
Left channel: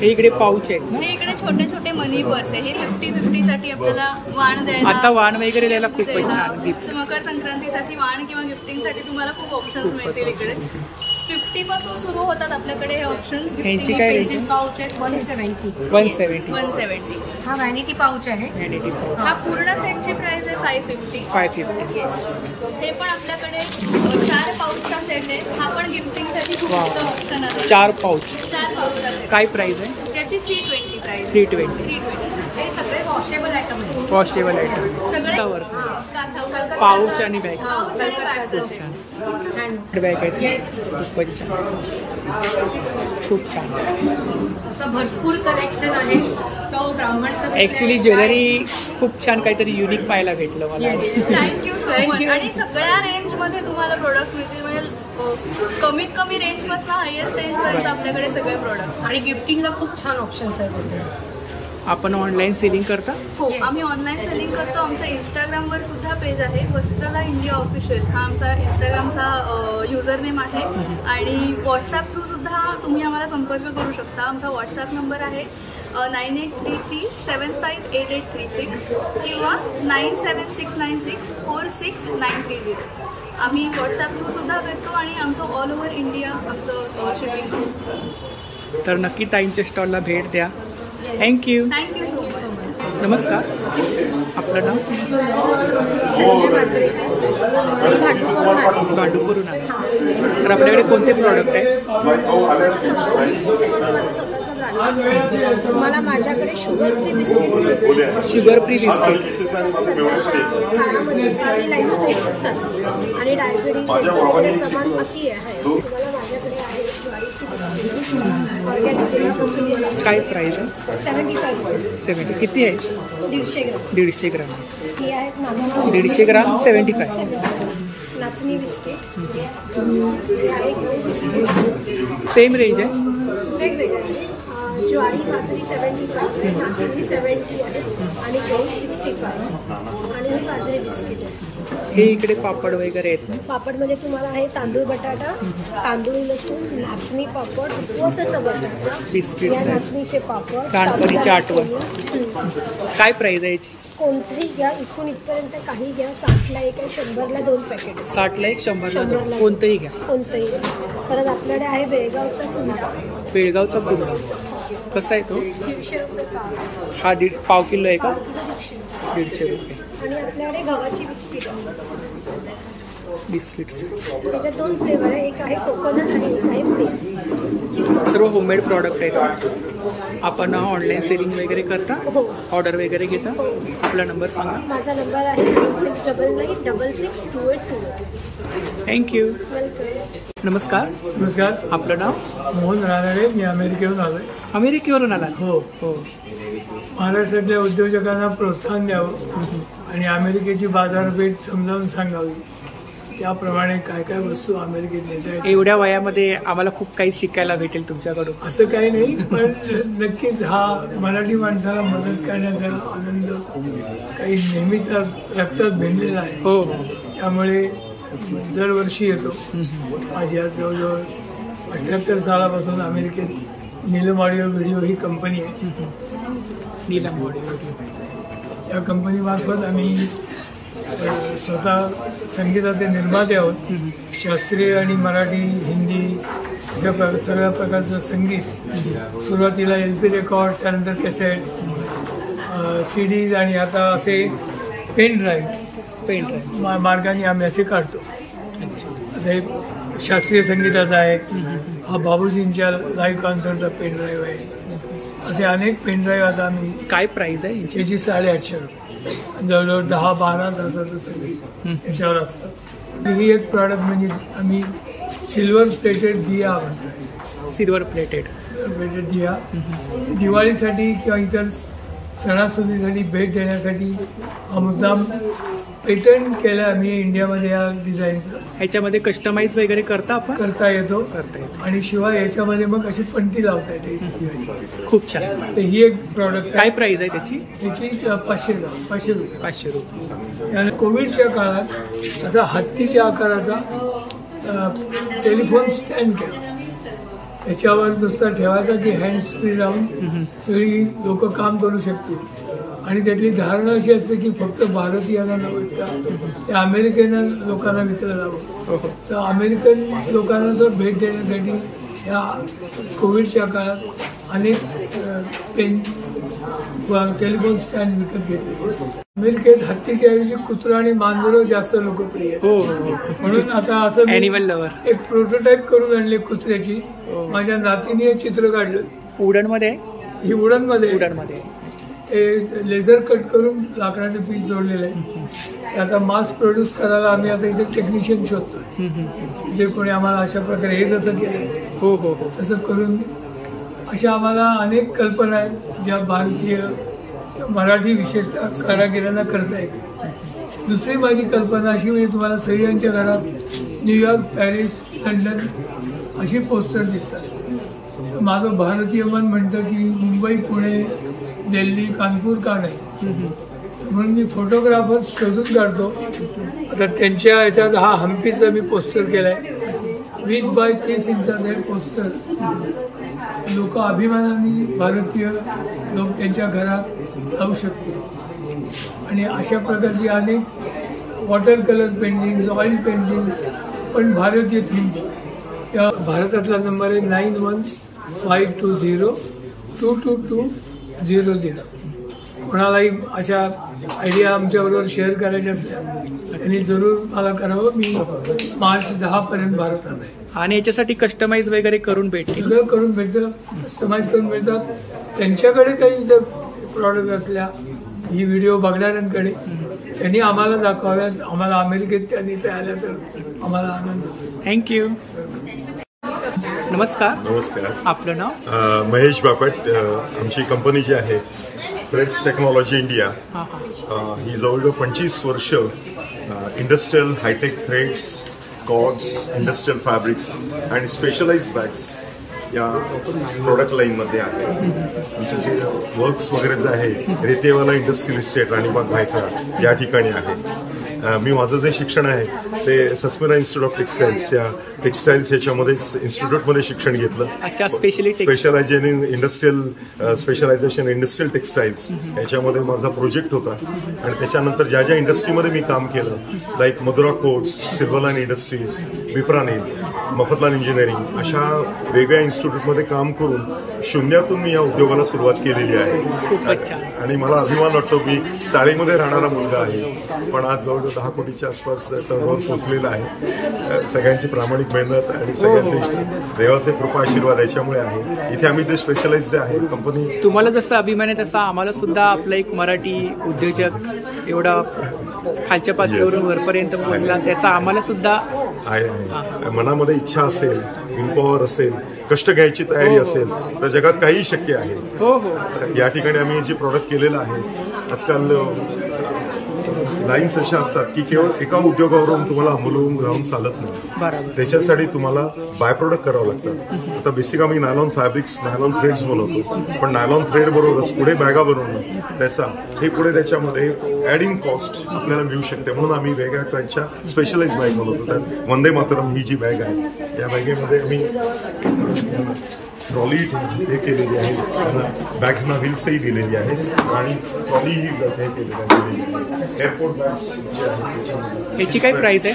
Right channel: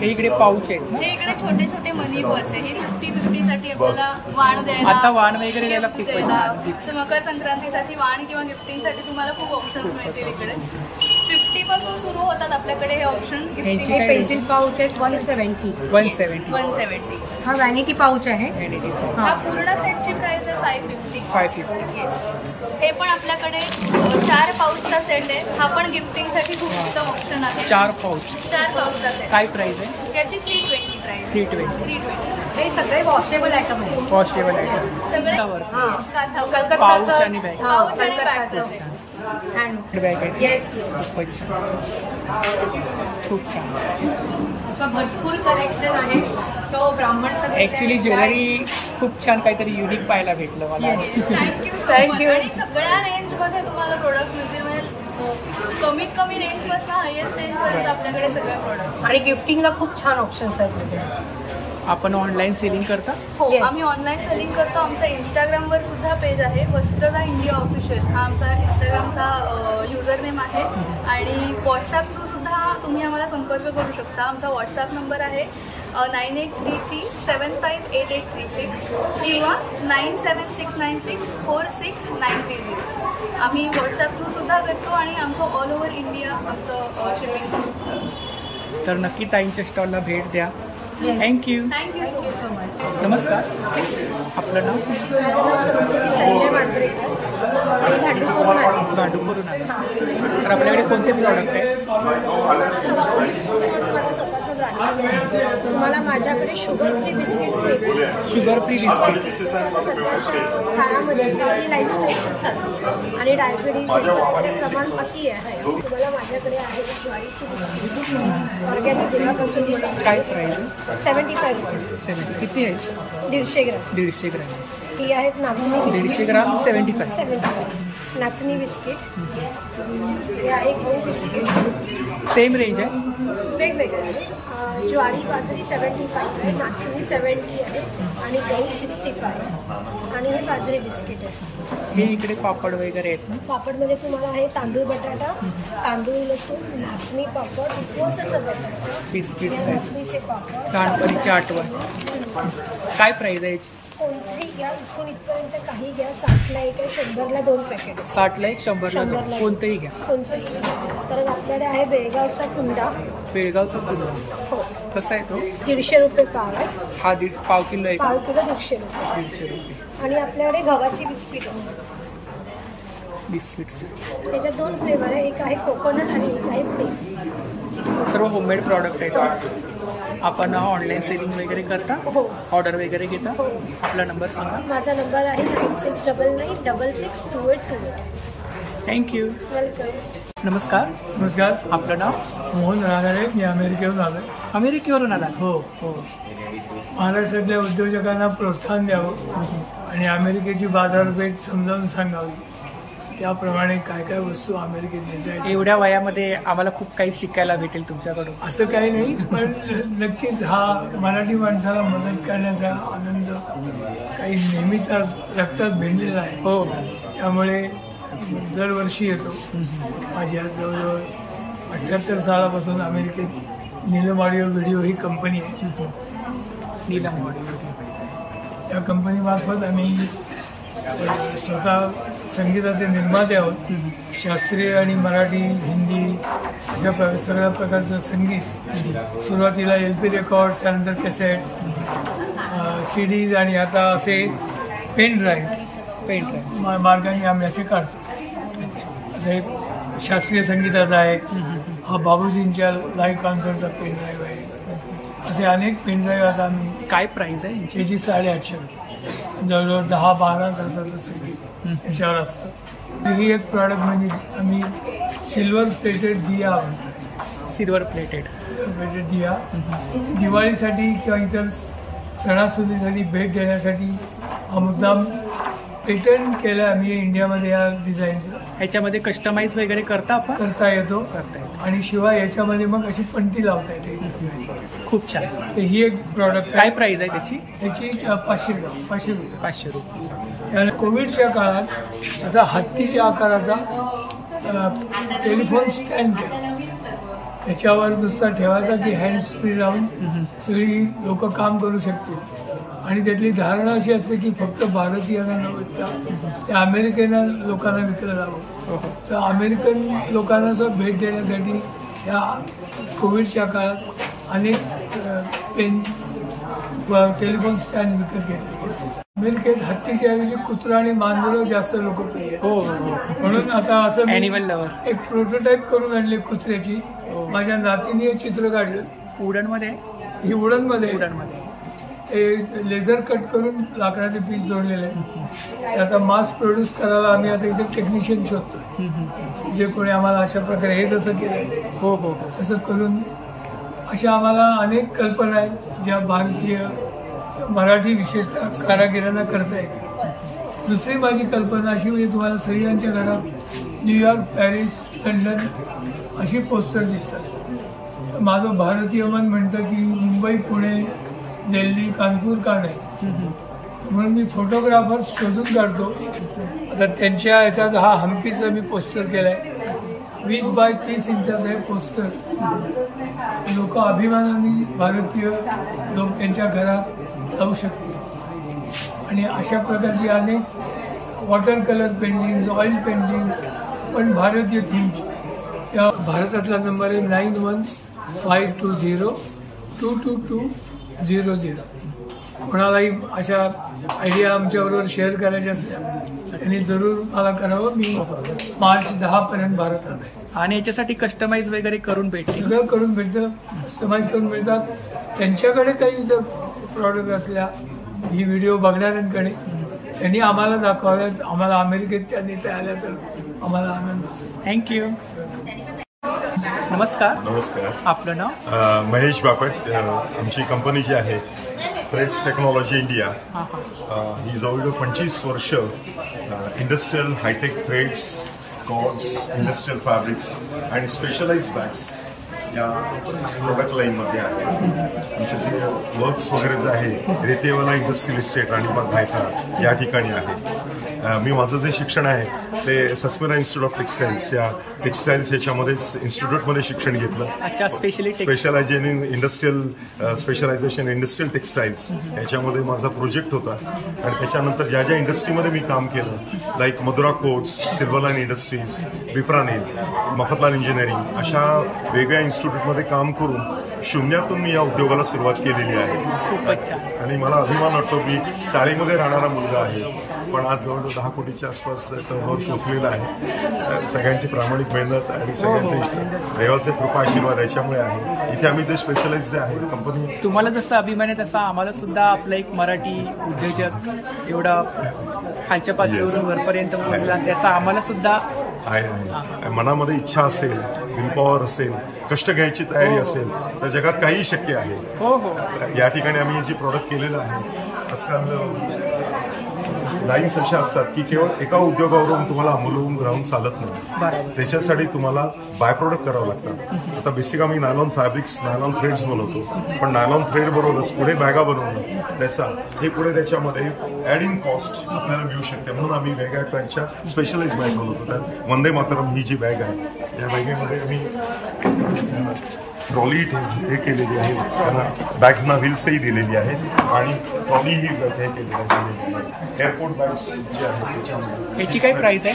हे इकडे पाऊच आहेत ना? हे इकडे छोटे छोटे मनी पर्स आहे. हे 50-50 साठी आपल्याला वाण द्यायला, आता वाण वगैरे द्यायला gift खूपच द्यायला. छान gift. मकर संक्रांतीसाठी वाण किंवा गिफ्टिंग साठी तुम्हाला खूप ऑप्शन्स मिळतील इकडे. 50 पासून सुरू होतात आपल्याकडे हे ऑप्शन्स. ह्यांची काय रेंज? पेन्सिल पाऊच आहे 170. 170. हा व्हॅनिटी पाऊच आहे. व्हॅनिटी पाऊच हा पूर्ण सेटची प्राइस आहे 550. 550. येस. हे पण आपल्याकडे 4 पाऊचचा सेट आहे. हा पण गिफ्टिंग साठी खूप Wow. उत्तम ऑप्शन आहे. 4 पाऊच. 4 पाऊचचा सेट. काय प्राइस आहे? याची 320 प्राइस. 320. 320. हे सगळे वॉशेबल आयटम आहे. Washable item. सगळे पाऊच आणि बॅग. पाऊच आणि बॅगचा सेट. हँड बॅग आहेत. येस. खूपच छान. खूप छान. असं भरपूर कलेक्शन आहे. सो ब्राह्मण सगळे ऍक्च्युली ज्वेलरी खूप छान काहीतरी युनिक पाहायला भेटलं मला. Thank you so much. आणि सगळ्या रेंज मध्ये तुम्हाला प्रोडक्ट्स मिळतील. म्हणजे कमीत कमी रेंज पासून हायएस्ट रेंज पर्यंत आपल्याकडे सगळे प्रोडक्ट्स. आणि गिफ्टिंगला खूप छान ऑप्शन्स आहेत इथे. आपण ऑनलाईन सेलिंग करता? हो, आम्ही ऑनलाईन सेलिंग करतो. आमचा इंस्टाग्रामवर सुद्धा पेज आहे, वस्त्रला इंडिया ऑफिशियल. हा आमचा इंस्टाग्रामचा युजर नेम आहे. आणि व्हॉट्सॲप थ्रू सुद्धा तुम्ही आम्हाला संपर्क करू शकता. आमचा व्हॉट्सॲप नंबर आहे 9833758836 किंवा 9769646930. आम्ही व्हॉट्सॲप थ्रू सुद्धा करतो आणि आमचं ऑल ओव्हर इंडिया आमचं शिपिंग असतं. तर नक्की ताईंच्या स्टॉलला भेट द्या. थँक्यू. Thank you so much. नमस्कार, आपलं नाव? संजय मांजरेकर. मी भांडूपवरून आले. भांडूपवरून आले. तर आपल्याकडे कोणते प्रॉडक्ट आहे? माझं स्वतःचं ब्रँड आहे. तुम्हाला माझ्याकडे शुगर फ्री बिस्किट्स मिळतील. Sugar free biscuit. सध्याच्या काळामध्ये हेल्दी लाईफस्टाईल खूप चालली आहे आणि डायबिटीज याचं वगैरे प्रमाण अति आहे. तुम्हाला माझ्याकडे आहे ज्वारीची बिस्किट ऑर्गॅनिक दुधापासून. काय प्राइस आहे? 75. 70. किती आहे? 150 ग्राम. 150 ग्राम. ही आहेत नाचणी. 150 ग्राम 75. नाचणी बिस्किट. हे आहे गहू बिस्किट. सेम रेंज आहे? वेगवेगळे आहे. ज्वारी बाजरी 75 आहे, नाचणी 70 आहे आणि गहू 65 आहे. आणि हे बाजरी बिस्किट आहे. हे इकडे पापड वगैरे आहेत ना? पापडमध्ये तुम्हाला आहे तांदूळ बटाटा, तांदूळ लसूण, नाचणी पापड, उपवासाचा बटाटा, बिस्किट्स या आहेत. नाचणीचे पापड, लहानपणीची आठवण. काय प्राइस आहे याची? कोणतीही घ्या, इथून इथपर्यंत काही घ्या. 60ला एक आहे, 100ला 2 पॅकेट. 60ला एक, 100ला 2. कोणतंही घ्या. कोणतंही. परत आपल्याकडे आहे बेळगावचा कुंदा. बेळगावचा कुंदा. कसा आहे तो? 150 रुपये पाव आहे. हा पाव किलो आहे का? पाव किलो 150 रुपये. 150 रुपये. आणि आपल्याकडे गव्हाची बिस्किट आहे. बिस्किट्स. त्याच्यात 2 फ्लेवर आहे, एक आहे कोकोनट आणि एक आहे प्लेन. सर्व होममेड प्रॉडक्ट आहेत. आपण ऑनलाईन सेलिंग वगैरे करता? हो. ऑर्डर वगैरे घेता? हो. आपला नंबर सांगा. माझा नंबर आहे 9699662828. थँक्यू. वेलकम. नमस्कार. नमस्कार. आपलं नाव? मोहन रानडे. मी अमेरिकेहून आलोय. अमेरिकेवरून आला? हो. हो. महाराष्ट्रातल्या उद्योजकांना प्रोत्साहन द्यावं आणि अमेरिकेची बाजारपेठ समजावून सांगावी. त्याप्रमाणे काय काय वस्तू अमेरिकेत नेता येतात. एवढ्या वयामध्ये आम्हाला खूप काही शिकायला भेटेल तुमच्याकडून. असं काही नाही, पण नक्कीच हा मराठी माणसाला मदत करण्याचा आनंद काही नेहमीचा रक्तात भिनलेला आहे. हो. त्यामुळे दरवर्षी येतो. माझी आज जवळजवळ 78 सालापासून अमेरिकेत नीलम ऑडिओ व्हिडिओ ही कंपनी आहे. Neelam audio video. या कंपनीमार्फत आम्ही स्वतः संगीताचे निर्माते आहोत. शास्त्रीय आणि मराठी, हिंदी अशा सगळ्या प्रकारचं संगीत. सुरुवातीला LP रेकॉर्ड्स, त्यानंतर कॅसेट, CDज आणि आता असे पेन ड्राईव्ह मार्गाने आम्ही असे काढतो. आता हे शास्त्रीय संगीताचा आहे, हा बाबूजींच्या लाईव्ह कॉन्सर्टचा पेन ड्राईव्ह आहे. असे अनेक पेन ड्राईव्ह आता आम्ही. काय प्राइस आहे यांची? याची 850 रुपये. जवळजवळ 10-12 तासाचं संगीत याच्यावर असतं. ही एक प्रॉडक्ट म्हणजे आम्ही सिल्वर प्लेटेड दिया म्हणतोय. सिल्वर प्लेटेड दिया दिवाळीसाठी किंवा इतर सणासुदीसाठी भेट देण्यासाठी हा मुद्दाम पेटंट केलं आम्ही इंडियामध्ये या डिझाईनचं. ह्याच्यामध्ये कस्टमाइज वगैरे करता येतो आणि शिवाय याच्यामध्ये मग अशी पणती लावता येते. खूप छान. तर ही एक प्रॉडक्ट. काय प्राइस आहे त्याची? त्याची 500 रुपये. 500 रुपये. त्याने कोविडच्या काळात असा हत्तीच्या आकाराचा टेलिफोन स्टँड केला. त्याच्यावर नुसता ठेवायचा की हँड फ्री राहून सगळी लोक काम करू शकतील. आणि त्यातली धारणा अशी असते की फक्त भारतीयांना न विकता त्या अमेरिकन लोकांना विकलं जावं. तर अमेरिकन लोकांना जर भेट देण्यासाठी या कोविडच्या काळात अनेक पेन टेलिफोन स्टँड विकत घेतले गेले. अमेरिकेत हत्तीच्या ऐवजी कुत्रा आणि मांजरं जास्त लोकप्रिय आहेत. म्हणून आता असं ॲनिमल लवर एक प्रोटोटाईप करून आणले कुत्र्याची. माझ्या नातीने चित्र काढलं. वुडनमध्ये? ही वुडनमध्ये ते लेझर कट करून लाकडाचे पीस जोडलेले आहे. आता मास प्रोड्यूस करायला आम्ही आता इथे टेक्निशियन शोधतोय. जे कोणी आम्हाला अशा प्रकारे हे जसं केलंय तसं करून अशा आम्हाला अनेक कल्पना आहेत ज्या भारतीय मराठी विशेषतः कारागिरांना करता येतील. दुसरी माझी कल्पना अशी म्हणजे तुम्हाला सगळ्यांच्या घरात न्यूयॉर्क, पॅरिस, लंडन अशी पोस्टर दिसतात. तर माझं भारतीय मन म्हणतं की मुंबई, पुणे, दिल्ली, कानपूर का नाही. म्हणून मी फोटोग्राफर्स शोधून काढतो. आता त्यांच्या ह्याच्यात हा हम्पीचा मी पोस्टर केलाय. 20 बाय 30 इंचाचा हे पोस्टर. लोक अभिमानाने भारतीय लोक त्यांच्या घरात लावू शकतील. आणि अशा प्रकारची अनेक water colour paintings, oil paintings पण भारतीय थीमची. या भारतातला नंबर आहे 9152022200. कोणालाही अशा आयडिया आमच्याबरोबर शेअर करायच्या असल्या त्यांनी जरूर मला करावं. मी मार्च 10 पर्यंत भारतात आहे. आणि याच्यासाठी कस्टमाइज वगैरे करून भेटते? सगळं करून भेटतं, कस्टमाइज करून मिळतात. त्यांच्याकडे काही जर प्रॉडक्ट असल्या ही व्हिडिओ बघणाऱ्यांकडे त्यांनी आम्हाला दाखवाव्यात. आम्हाला अमेरिकेत त्या नेत्या आल्या तर आम्हाला आनंद असेल. थँक्यू. नमस्कार. नमस्कार. आपलं नाव? महेश बापट. आमची कंपनी जी आहे थ्रेड्स टेक्नॉलॉजी इंडिया, ही जवळजवळ 25 वर्ष industrial high tech threads, cords, industrial fabrics आणि स्पेशलाइज बॅग्स या प्रोडक्ट लाईनमध्ये आहे. आमचे जे वर्क्स वगैरे जे आहे रेतेवाला इंडस्ट्रियल इस्टेट राणीबाग भायखळा या ठिकाणी आहे. मी माझं जे शिक्षण आहे ते सस्मिरा इन्स्टिट्यूट ऑफ टेक्सटाईल्स या टेक्सटाईल्स याच्यामध्येच इन्स्टिट्यूटमध्ये शिक्षण घेतलं. Specialisation in industrial specialisation industrial textiles याच्यामध्ये माझा प्रोजेक्ट होता. आणि त्याच्यानंतर ज्या ज्या इंडस्ट्रीमध्ये मी काम केलं like Madhura coats, Silverline Industries, बिप्रानील, मफतलाल इंजिनिअरिंग अशा वेगळ्या इन्स्टिट्यूटमध्ये काम करून शून्यातून मी या उद्योगाला सुरुवात केलेली आहे. आणि मला अभिमान वाटतो मी चाळीमध्ये राहणारा मुलगा आहे पण आज जवळजवळ 10 कोटीच्या आसपास टर्नओव्हर पोहोचलेला आहे. सगळ्यांची प्रामाणिक मेहनत आणि सगळ्यांचे देवाचे कृपा आशीर्वाद याच्यामुळे आहे. इथे आम्ही जे स्पेशलाइज जे आहे कंपनी. तुम्हाला जसं अभिमान आहे तसा आम्हाला सुद्धा आपला एक मराठी उद्योजक एवढा खालच्या पातळीवरून वरपर्यंत पोहोचला त्याचा आम्हाला सुद्धा आहे. मनामध्ये इच्छा असेल, विलपॉवर असेल, कष्ट घ्यायची तयारी असेल तर जगात काही शक्य आहे. या ठिकाणी आम्ही जे प्रॉडक्ट केलेलं आहे आजकाल लाईन्स अशा असतात की केवळ एका उद्योगावरून तुम्हाला अवलंबून राहून चालत नाही. त्याच्यासाठी तुम्हाला बाय प्रोडक्ट करावं लागतात. आता बेसिक आम्ही नायलॉन फॅब्रिक्स, नायलॉन थ्रेड्स बनवतो पण नायलॉन थ्रेड बरोबरच पुढे बॅगा बनवणं त्याचा हे पुढे त्याच्यामध्ये ऍडिंग कॉस्ट आपल्याला मिळू शकते. म्हणून आम्ही वेगळ्या टाईपच्या स्पेशलाइज बॅग बनवतो. त्यात वंदे मातरम ही जी बॅग आहे या बॅगेमध्ये आम्ही ट्रॉली हे केलेली आहे, बॅग्सना व्हील्सही दिलेली आहेत आणि ट्रॉली ही हे केलेली आहे. एअरपोर्ट बॅग्स जे आहेत त्याच्यामध्ये. याची काय प्राइस आहे?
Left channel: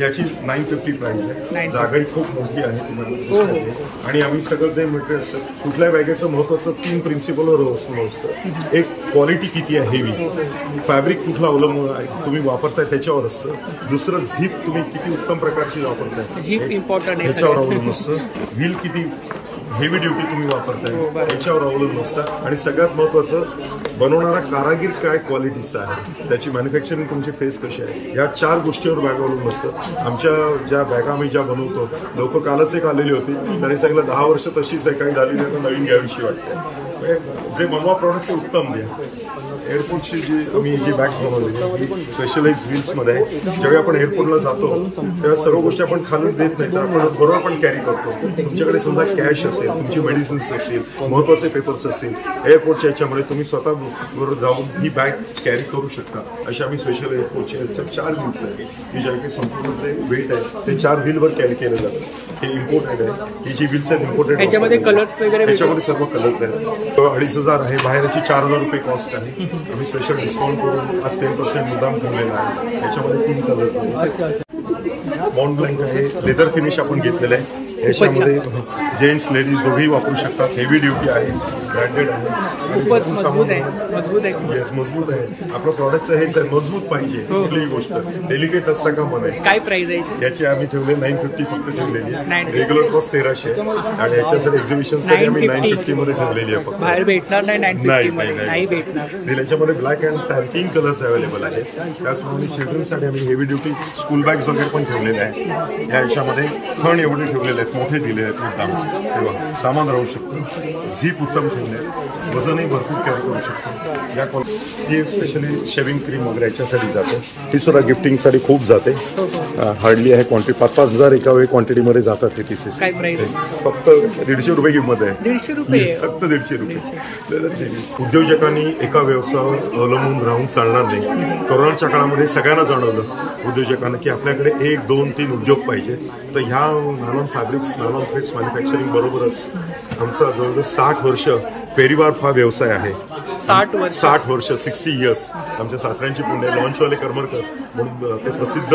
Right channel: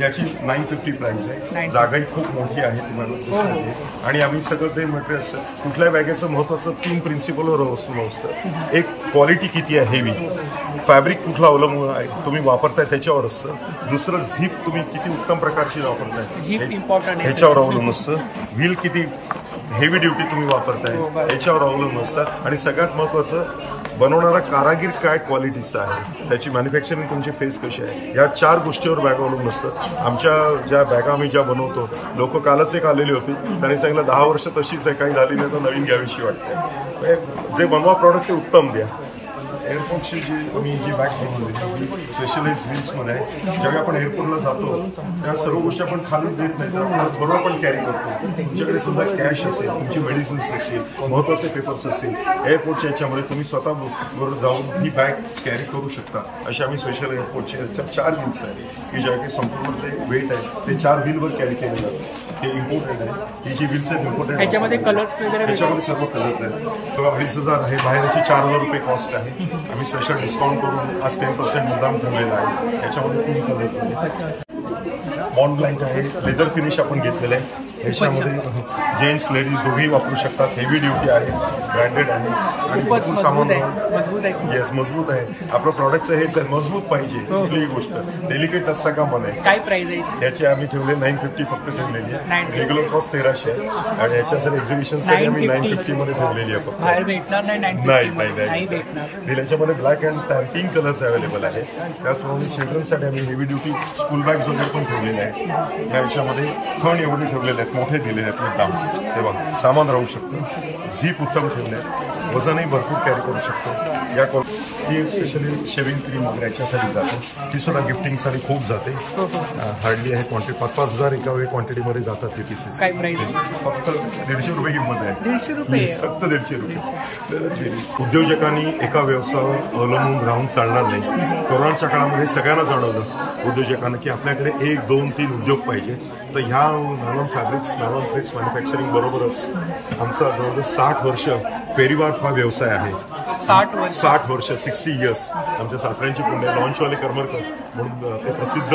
याची 950 प्राइस आहे. 950. जागाही खूप मोठी आहे तुम्हाला दिसत आहे. आणि आम्ही सगळं जे मटेरियल असतं कुठल्याही बॅगेचं महत्वाचं 3 प्रिन्सिपलवर असतं. एक क्वालिटी किती आहे हेवी, फॅब्रिक कुठला अवलंबून आहे तुम्ही वापरताय त्याच्यावर असतं. दुसरं झीप तुम्ही किती उत्तम प्रकारची वापरताय झीप इम्पॉर्टंट आहे ह्याच्यावर अवलंबून असतं. व्हील किती हेवी ड्युटी तुम्ही वापरताय याच्यावर अवलंबून असतं. आणि सगळ्यात महत्वाचं बनवणारा कारागीर काय क्वालिटीचा आहे, त्याची मॅन्युफॅक्चरिंग तुमची फेस कशी आहे, या 4 गोष्टीवर बॅग अवलंबून असतं. आमच्या ज्या बॅगा आम्ही ज्या बनवतो, लोक कालच एक आलेली होती, त्यांनी सांगितलं 10 वर्ष तशीच आहे, काही झाली नाही तर नवीन घ्यावीशी वाटते. जे बनवा प्रॉडक्ट ते उत्तम द्या. एअरपोर्टची आम्ही जी बॅग्स बनवलेली स्पेशलाइज व्हील्समध्ये आहे. ज्यावेळी आपण एअरपोर्टला जातो तेव्हा सर्व गोष्टी आपण खालून देत नाही, तर आपण बरोबर पण कॅरी करतो. तुमच्याकडे समजा कॅश असेल, तुमची मेडिसिन्स असतील, महत्वाचे पेपर्स असतील, एअरपोर्टच्या याच्यामध्ये तुम्ही स्वतः बरोबर जाऊन ही बॅग कॅरी करू शकता. अशी आम्ही स्पेशल एअरपोर्टचे 4 व्हील्स आहेत की ज्या काही संपूर्ण जे वेट आहे ते 4 व्हीलवर कॅरी केलं जातं. हे इम्पोर्टेड आहे. ही जी व्हील्स आहेत इम्पोर्टेड. याच्यामध्ये कलर्स वगैरे याच्यामध्ये सर्व कलर्स आहेत. 2,500 आहे. बाहेर याची 4,000 रुपये कॉस्ट आहे. आम्ही स्पेशल डिस्काउंट करून आज 10% मुद्दाम ठेवलेला आहे. याच्यामध्ये 3 कलर्स आहेत. मॉन ब्लँक आहे. लेदर फिनिश आपण घेतलेलं आहे. याच्यामध्ये जेंट्स लेडीज दोघेही वापरू शकतात. हेवी ड्युटी आहे, ब्रँडेड आहे आणि खूपच मजबूत आहे. मजबूत आहे. येस, मजबूत आहे. आपलं प्रॉडक्टचं हेच आहे, मजबूत पाहिजे. कुठलीही गोष्ट डेलिकेट असता का मन आहे. काय प्राइस आहे याची आम्ही ठेवले 950 फक्त ठेवलेली आहे. रेग्युलर कॉस्ट 1300 आहे आणि याच्यासाठी एक्झिबिशनसाठी आम्ही 950 मध्ये ठेवलेली आहे. फक्त बाहेर भेटणार नाही. 950 नाही भेटणार. याच्यामध्ये black and tan 3 colours available आहेत. त्याचप्रमाणे चिल्ड्रनसाठी आम्ही हेवी ड्युटी स्कूल बॅग्स वगैरे पण ठेवलेले आहेत. याच्यामध्ये खण एवढे ठेवलेले आहेत, मोठे दिलेले आहेत मुद्दाम, तेव्हा सामान राहू शकतं. झीप उत्तम ठेवले आहे. वजनही भरपूर कॅरी करू शकतो. या ही स्पेशली शेविंग क्रीम वगैरे याच्यासाठी जाते. ही सुद्धा गिफ्टिंगसाठी खूप जाते. हार्डली आहे क्वांटिटी. 5,000 एका वेळी क्वांटिटीमध्ये जातात ते पीसेस. काय प्राइस फक्त 150 रुपये किंमत आहे. 150 रुपये फक्त 150 रुपये. उद्योजकांनी एका व्यवसायावर अवलंबून राहून चालणार नाही. कोरोनाच्या काळामध्ये सगळ्यांना जाणवलं उद्योजकांना की आपल्याकडे 1, 2, 3 उद्योग पाहिजे. तर ह्या नानॉन फॅब्रिक्स, नानॉन थ्रेड्स मॅन्युफॅक्चरिंग बरोबरच आमचा जवळजवळ 60 वर्ष फेरीवार हा व्यवसाय आहे. 60 वर्ष 60 इयर्स. आमच्या सासऱ्यांची पुण्य लॉन्चवाले करमरकर म्हणून ते प्रसिद्ध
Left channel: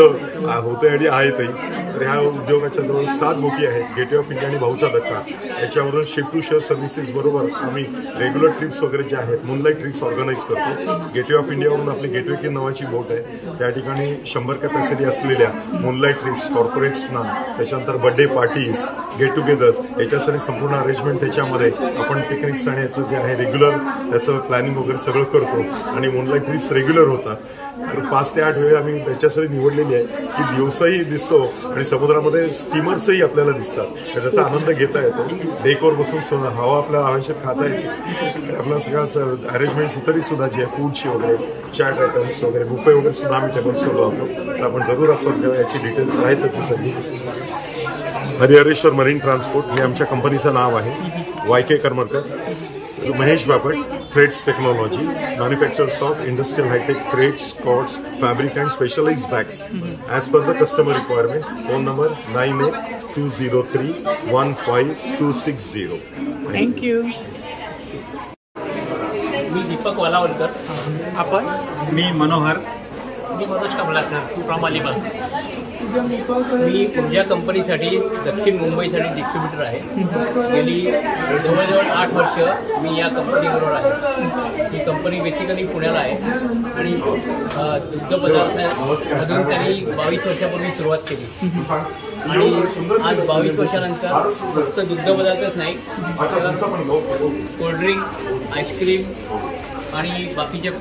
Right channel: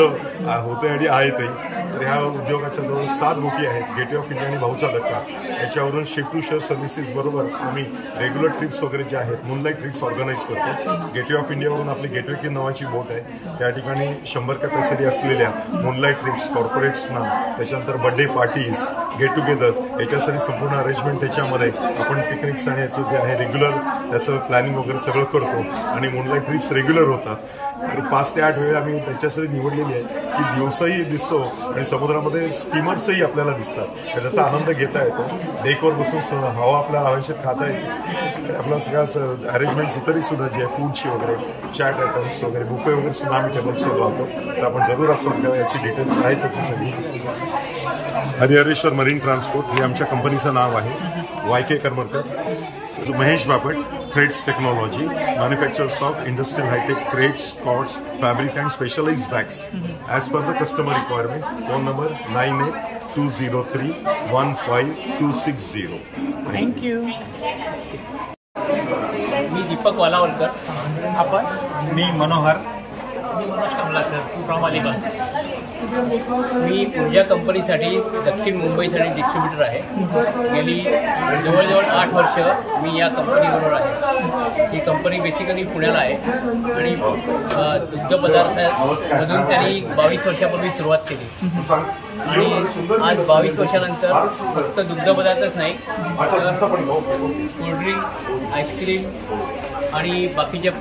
होते आणि आहेतही. तर ह्या उद्योगाच्या जवळ 7 बोटी आहेत. गेटवे ऑफ इंडिया आणि भाऊचा धक्का याच्यावरून शिप टू शेअर सर्व्हिसेस बरोबर आम्ही रेग्युलर ट्रिप्स वगैरे जे आहेत, मूनलाईट ट्रिप्स ऑर्गनाईज करतो. गेटवे ऑफ इंडियावरून आपली गेटवे की नावाची बोट आहे. त्या ठिकाणी 100 कॅपॅसिटी असलेल्या मूनलाईट ट्रिप्स कॉर्पोरेट्सना, त्याच्यानंतर बर्थडे पार्टीज, गेट टुगेदर याच्यासाठी संपूर्ण अरेंजमेंट त्याच्यामध्ये आपण पिकनिक्स आणि याचं जे आहे रेग्युलर त्याचं प्लॅनिंग वगैरे सगळं करतो. आणि मूनलाईट ट्रिप्स रेग्युलर होतात. आणि 5 ते 8 वेळ आम्ही त्याच्यासाठी निवडलेली आहे की दिवसही दिसतो आणि समुद्रामध्ये स्टीमर्सही आपल्याला दिसतात. त्याचा आनंद घेता येतो. डेकवर बसून हवा आपल्या हवेशीर खाता येते. आणि आपला सगळं अरेंजमेंट्स इतरही सुद्धा जे आहे फूडची वगैरे, चॅट आयटम्स वगैरे, बुफे वगैरे सुद्धा आम्ही टेबल्सवर लावतो. तर आपण जरूर असतो घ्यावा. याची डिटेल्स आहेतच सगळी. हरिहरेश्वर मरीन ट्रान्सपोर्ट हे आमच्या कंपनीचं नाव आहे. YK Karmarkar. Mahesh Bapat, threads technology, manufacturers of industrial hi-tech crates, cords, fabric and specialised bags as per the customer requirement. Phone number 9820315260. Thank you. मी दीपक वालावलकर. आपण मी मनोहर. मी मनोज कमलाकर फ्रॉम अलिबाग. मी ऊर्जा कंपनीसाठी दक्षिण मुंबईसाठी डिस्ट्रीब्युटर आहे. गेली जवळजवळ 8 वर्ष मी या कंपनीबरोबर आहे. ही कंपनी बेसिकली पुण्याला आहे आणि दुग्धपदार्थामधून त्यांनी 22 वर्षापूर्वी सुरुवात केली. आणि आज 22 वर्षानंतर फक्त दुग्धपदार्थच नाही तर कोल्ड्रिंक, आईस्क्रीम आणि बाकीच्या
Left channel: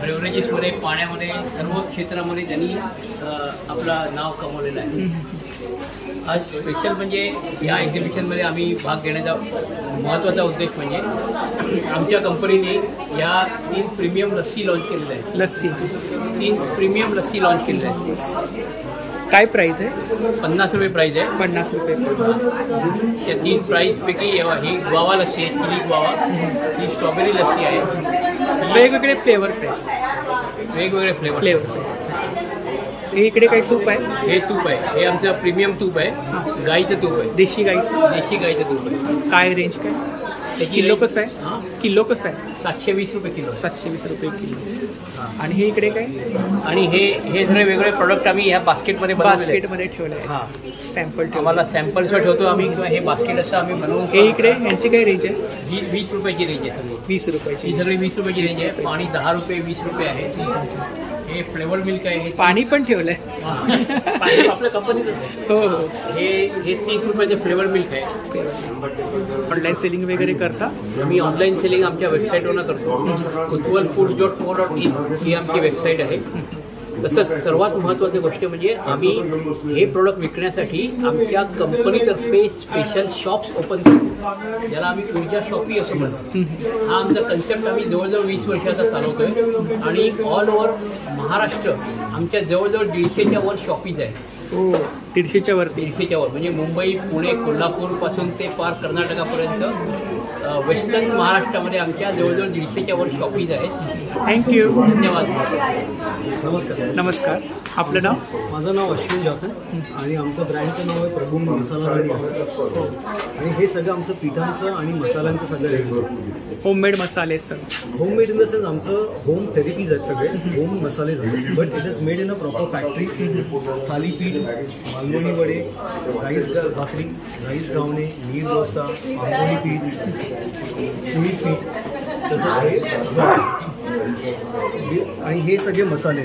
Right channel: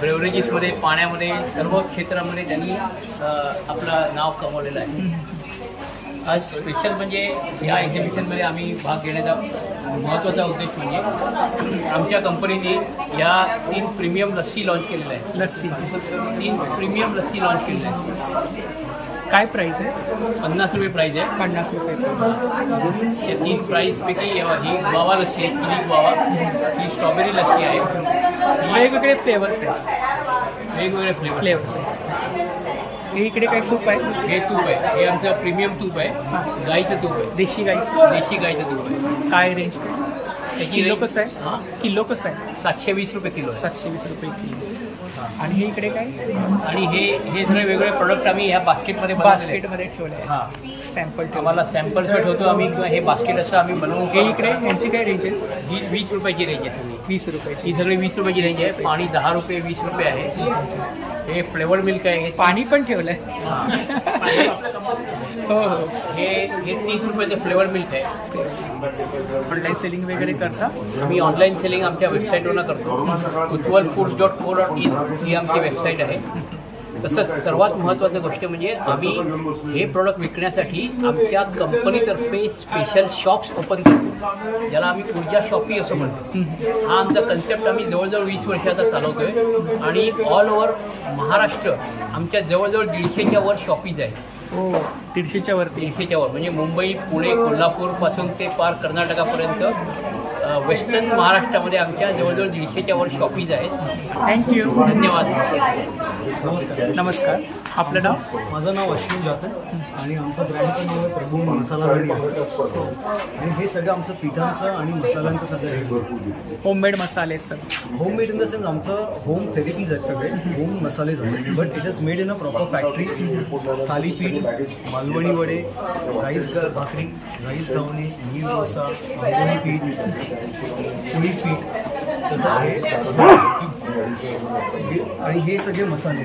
बेवरेजेसमध्ये, पाण्यामध्ये, सर्व क्षेत्रामध्ये त्यांनी आपलं नाव कमवलेलं आहे. आज स्पेशल म्हणजे या एक्झिबिशनमध्ये आम्ही भाग घेण्याचा महत्त्वाचा उद्देश म्हणजे आमच्या कंपनीने या 3 प्रीमियम लस्सी लॉन्च केलेल्या आहेत. 3 प्रीमियम लस्सी लॉन्च केलेल्या आहेत. काय प्राइस आहे? 50 रुपये प्राइस आहे. 50 रुपये. त्या 3 प्राइसपैकी ही ग्वावा लस्सी आहे, चिली ग्वावा. ही स्ट्रॉबेरी लस्सी आहे. वेगवेगळे फ्लेवर्स आहेत. वेगवेगळे फ्लेवर्स आहे. इकडे काही तूप आहे? हे तूप आहे. हे आमचं प्रीमियम तूप आहे. गाईचं तूप आहे. देशी गाईचं तूप आहे. काय रेंज काय? त्याची किलो कसं आहे? किलो कसं आहे? 720 रुपये किलो आहे. 720 रुपये किलो. आणि हे इकडे काय? आणि हे सगळे वेगवेगळे प्रोडक्ट आम्ही ह्या बास्केटमध्ये बास्केटमध्ये ठेवले आहे. सॅम्पल आम्हाला सॅम्पल्सवर ठेवतो आम्ही, किंवा हे बास्केट असं आम्ही बनवून. हे इकडे यांची काय रेंज आहे? ही 20 रुपयाची रेंज आहे सगळी. 20 रुपयाची. ही सगळी 20 रुपयाची रेंज आहे. पाणी 10 रुपये 20 रुपये आहे. हे फ्लेवर मिल्क आहे. पाणी पण ठेवलंय. आपल्या कंपनीत हो हो. हे 30 रुपयाचे फ्लेवर मिल्क आहे. ऑनलाईन सेलिंग वगैरे करता? आम्ही ऑनलाईन सेलिंग आमच्या वेबसाईटवरनं करतो. kutwalfoods.co.in ही आमची वेबसाईट आहे. तसंच सर्वात महत्त्वाची गोष्ट म्हणजे आम्ही हे प्रोडक्ट विकण्यासाठी आमच्या कंपनीतर्फे स्पेशल शॉप्स ओपन करतो, ज्याला आम्ही ऊर्जा शॉपी असं म्हणतो. हा आमचा कन्सेप्ट आम्ही जवळजवळ 20 वर्षाचा चालवतोय आणि ऑल ओव्हर महाराष्ट्र आमच्या जवळजवळ 150च्या वर शॉपीज आहेत. हो, 150च्या वर. 150च्या वर म्हणजे मुंबई, पुणे, कोल्हापूरपासून ते पार कर्नाटकापर्यंत वेस्टर्न महाराष्ट्रामध्ये आमच्या जवळजवळ 150च्या वर शॉपीज आहेत. थँक्यू. धन्यवाद. नमस्कार. नमस्कार. आपलं नाव? माझं नाव अश्विन जाधव आणि आमचं ब्रँडचं नाव आहे प्रभू मसाला राणी आहे. आणि हे सगळं आमचं पिठांचं आणि मसाल्यांचं सगळं रेडी होममेड मसाले sir. Homemade in the sense आमचं होम थेरपीज आहेत, सगळे होम मसालेज आहेत, but it is made in a proper factory. Thalipeeth, Malvani वडे, राईस भाकरी, राईस घावणे, नीर डोसा, आंबोळी पीठ, पोळी पीठ, तसंच हे आणि हे सगळे मसाले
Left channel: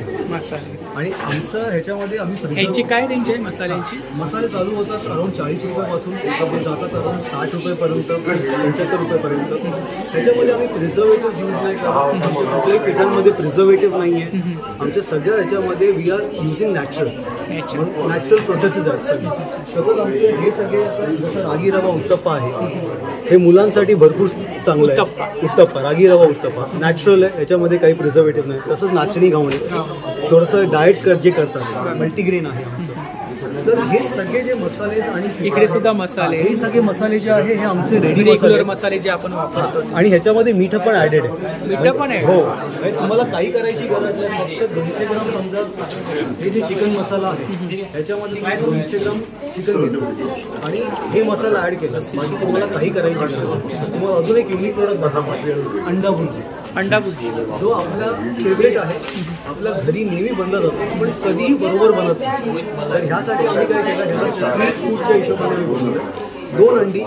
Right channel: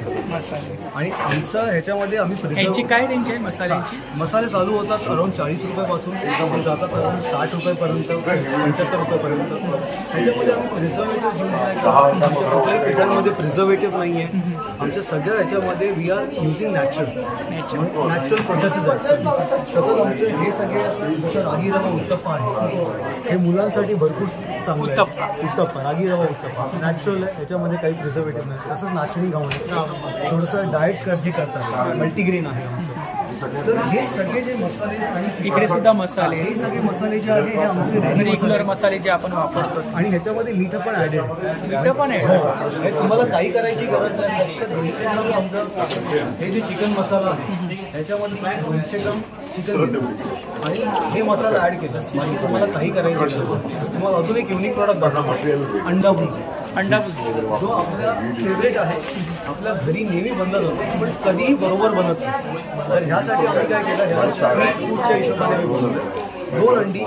आणि आमचं ह्याच्यामध्ये आम्ही काय रेंज आहे मसाल्यांची? मसाले चालू होतात अराउंड 40 रुपयापासून, ते जातात अराउंड 60 रुपयेपर्यंत, 75 रुपयेपर्यंत. ह्याच्यामध्ये आम्ही प्रिझर्वेटिव्ह यूज नाही करत. आमच्या कुठल्याही पिठांमध्ये प्रिझर्वेटिव्ह नाही आहे. आमच्या सगळ्या ह्याच्यामध्ये we are using natural processes आहेत सगळे. तसंच आमचे हे सगळे असं जसं रागी रवा उत्तप्पा आहे, हे मुलांसाठी भरपूर चांगलं आहे. उत्तप्पा, रागी रवा उत्तप्पा नॅचरल आहे, याच्यामध्ये काही प्रिझर्वेटिव्ह नाही. तसंच नाचणी घावणे, थोडंसं डाएट जे करतात, मल्टीग्रेन आहे आमचं. तर हे सगळे जे मसाले आणि इकडे सुद्धा मसाले, हे सगळे मसाले जे आहे हे आमचे रेग्युलर मसाले जे आपण वापरतो. आणि ह्याच्यामध्ये मीठ पण ऍडेड आहे. मीठ पण आहे? हो. तुम्हाला काही करायची गरज नाही. फक्त 200 ग्राम समजा हे जे चिकन मसाला आहे ह्याच्यामध्ये तुम्ही 200 ग्राम चिकन घेतो आणि हे मसाला ऍड केला, बाकी तुम्हाला काही करायची गरज नाही. तुम्हाला अजून एक युनिक प्रोडक्ट दाखवतो, अंडा भुर्जी. अंडा भुर्जी जो आपला फेवरेट आहे, आपल्या घरी नेहमी बनला जातो पण कधीही बरोबर बनत नाही. तर ह्यासाठी आम्ही काय केलं, ह्याला स्ट्रीट फूडच्या हिशोबाने आम्ही बनवलंय. 2 अंडी,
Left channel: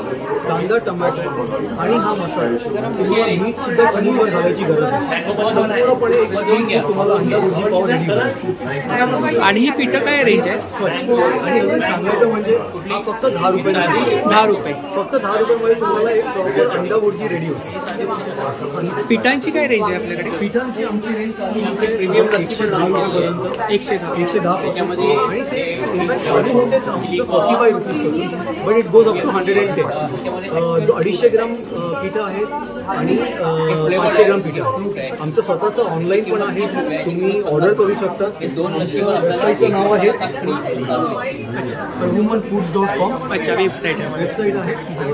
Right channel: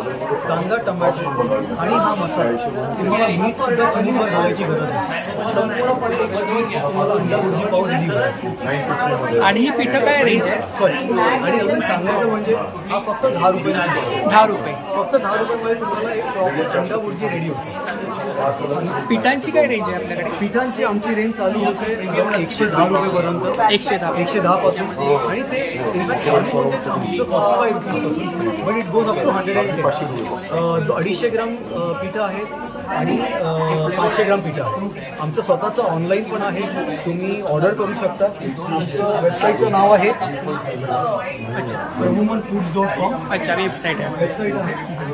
कांदा, टमॅटो आणि हा मसाला. तुम्हाला मीठ सुद्धा चिमूटभर घालायची गरज नाही. संपूर्णपणे एक स्ट्रीट फूड तुम्हाला अंडा भुर्जी पाव रेडी होईल. आणि ही पिठं काय रेंज आहे? आणि अजून सांगायचं म्हणजे हा फक्त 10 रुपये. 10 रुपये. फक्त 10 रुपयामध्ये तुम्हाला एक प्रॉपर अंडा भुर्जी रेडी होते. पिठांची काय रेंज आहे आपल्याकडे? पिठांची आमची रेंज चालू होते 110 रुपयेपर्यंत. 110 पासून. आणि ते इनफॅक्ट चालू होते आमचं 45 रुपीजपासून, but it goes up to 110. 250 gram पिठं आहेत आणि 500 ग्राम पिठं आहे. आमचं स्वतःचं ऑनलाईन पण आहे, तुम्ही ऑर्डर करू शकता. आमचं वेबसाईटचं नाव आहे प्रभुमनफूड्स.com. अच्छा, वेबसाईट आहे.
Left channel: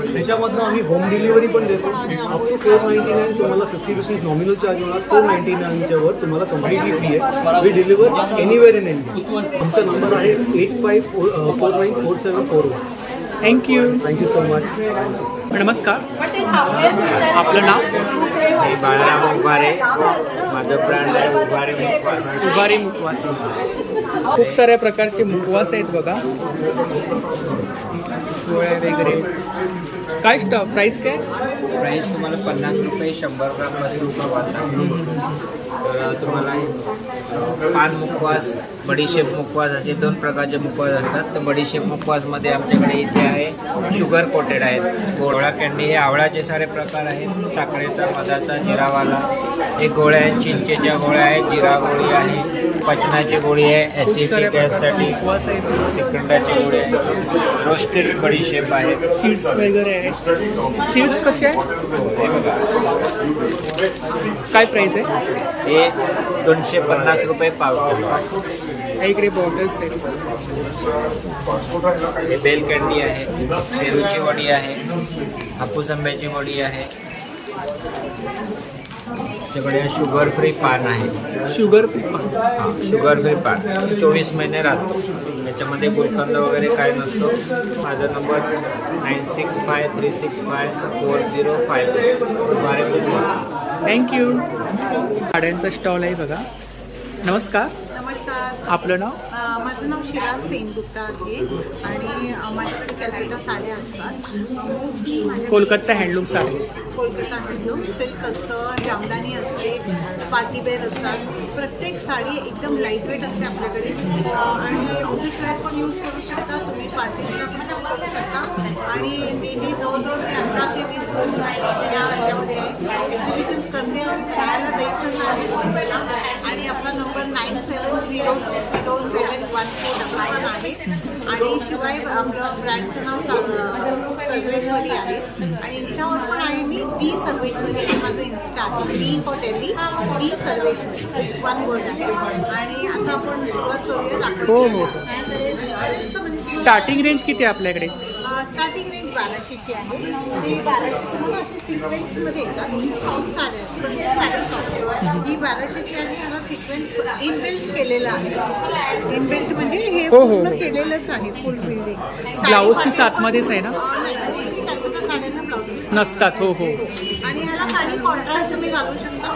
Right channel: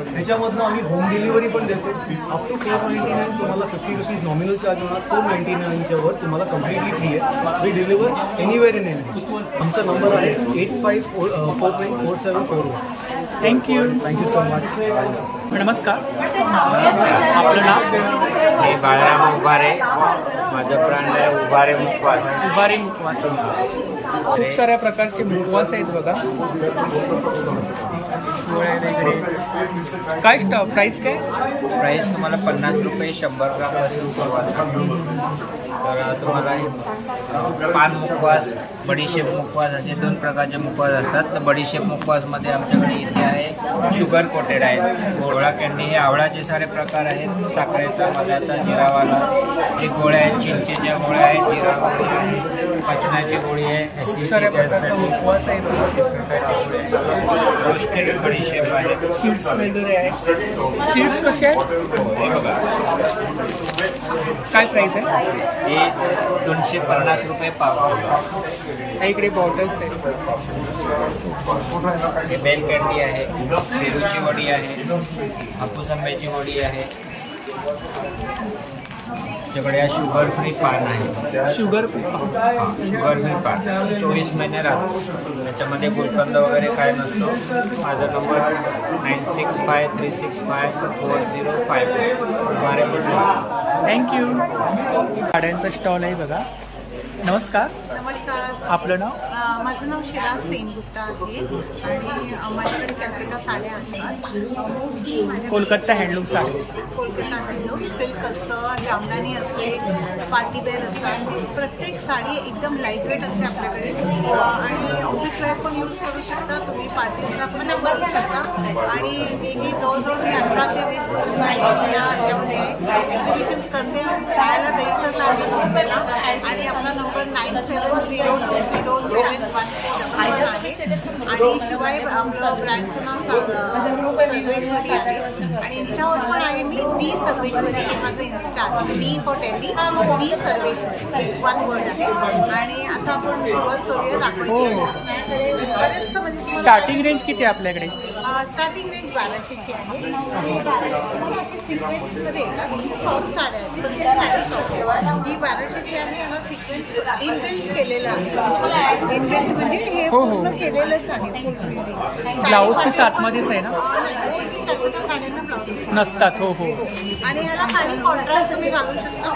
ह्याच्यामधनं आम्ही होम डिलिव्हरी पण देतो. अप टू 499 तुम्हाला 50 रुपीज नॉमिनल चार्ज होणार. 499च्या वर तुम्हाला कम्प्लिटली फ्री आहे. We deliver anywhere in India. आमचा नंबर आहे 85494741. Thank you so much. नमस्कार. आपलं नाव? मी बाळराम उभारे. माझं ब्रँड आहे उभारे मुखवास. उभारे मुखवास. खूप साऱ्या प्रकारचे मुखवास आहेत बघा, गोळ्या वगैरे. काय प्राइस काय? प्राइस तुम्हाला 50 रुपये 100 ग्राम पासून सुरुवात आहे. तर तुम्हाला पान मुखवास, बडीशेप मुखवास असे 2 प्रकारचे मुखवास असतात. तर बडीशेप मुखवासमध्ये आमच्याकडे इथे आहे शुगर कोटेड आहेत. गोळा कॅन्डी हे आवळाचे सारे प्रकार आहेत. साखरेचा, मधाचा, जिरावाला हे गोळ्या आहेत. चिंचेच्या गोळ्या आहेत, जिरा गोळी आहे, पचनाची गोळी आहे, ऍसिडिटी मुखवास आहे बघा. तिखटाची गोळी आहे, रोस्टेड बडीशेप आहे, सीड्स वगैरे आहेत. सीड्स कसे आहेत? काय प्राइस आहे? हे 250 रुपये पाव किलो आहे. इकडे बॉटल्स आहेत. हे बेल कॅन्डी आहे, पेरूची वडी आहे, हापूस आंब्याची वडी आहे. त्याच्याकडे शुगर फ्री पान आहे. शुगर फ्री पान? हां, शुगर फ्री पान 24 महिने राहतो. त्याच्यामध्ये गुलकंद वगैरे काय नसतो. माझा नंबर 9653654054. उभारे मुखवास. थँक्यू. साड्यांचा स्टॉल आहे बघा. नमस्कार. नमस्कार. आपलं नाव? माझं नाव शिराज सेनगुप्ता आहे आणि माझ्याकडे कॅलकटा साड्या असतात. मोस्टली माझ्या Kolkata handloom sari. Kolkata handloom silk असतं, जामदानी असते, पार्टीवेअर असतात. प्रत्येक साडी एकदम लाईटवेट असते आपल्याकडे आणि ऑफिस वेअर पण यूज करू शकता तुम्ही, पार्टीजला पण यूज करू शकता. आणि हे जवळजवळ मी 18 ते 20 वर्ष याच्यामध्ये आहे. एक्झिबिशन्स करते. राहायला दहीसरला आहे बॉम्बेला आणि आपला नंबर 9702071411 आहे. आणि शिवाय आपलं ब्रँडचं नाव सर्वेश्वरी आहे आणि इन्स्टावर पण आहे मी डी सर्वेश्वरी. हे माझं इन्स्टा आहे. D for Delhi, D Sarveshwari, एक वन वर्ड आहे. आणि आता आपण सुरुवात करूया दाखवायची. माझ्याकडे बरेच म्हणजे स्टार्टिंग रेंज किती आहे आपल्याकडे? स्टार्टिंग रेंज 1200ची आहे. ते 1200 तुम्हाला अशी सिक्वेन्स मध्ये येतात. ही सॉफ्ट साड्या आहेत, प्रत्येक साडी सॉफ्ट आहे. ही 1200ची आहे. याला सिक्वेन्स इनबिल्ट केलेलं आहे. इनबिल्ट म्हणजे हे पूर्ण केलेलंच आहे, फुल बिल्डिंग. ब्लाऊज पीस आतमध्येच आहे ना? नाही, मोस्टली कलकत्ता साड्यांना ब्लाऊज पीस नसतात. हो हो. आणि ह्याला काही कॉन्ट्रास्ट तुम्ही घालू शकता.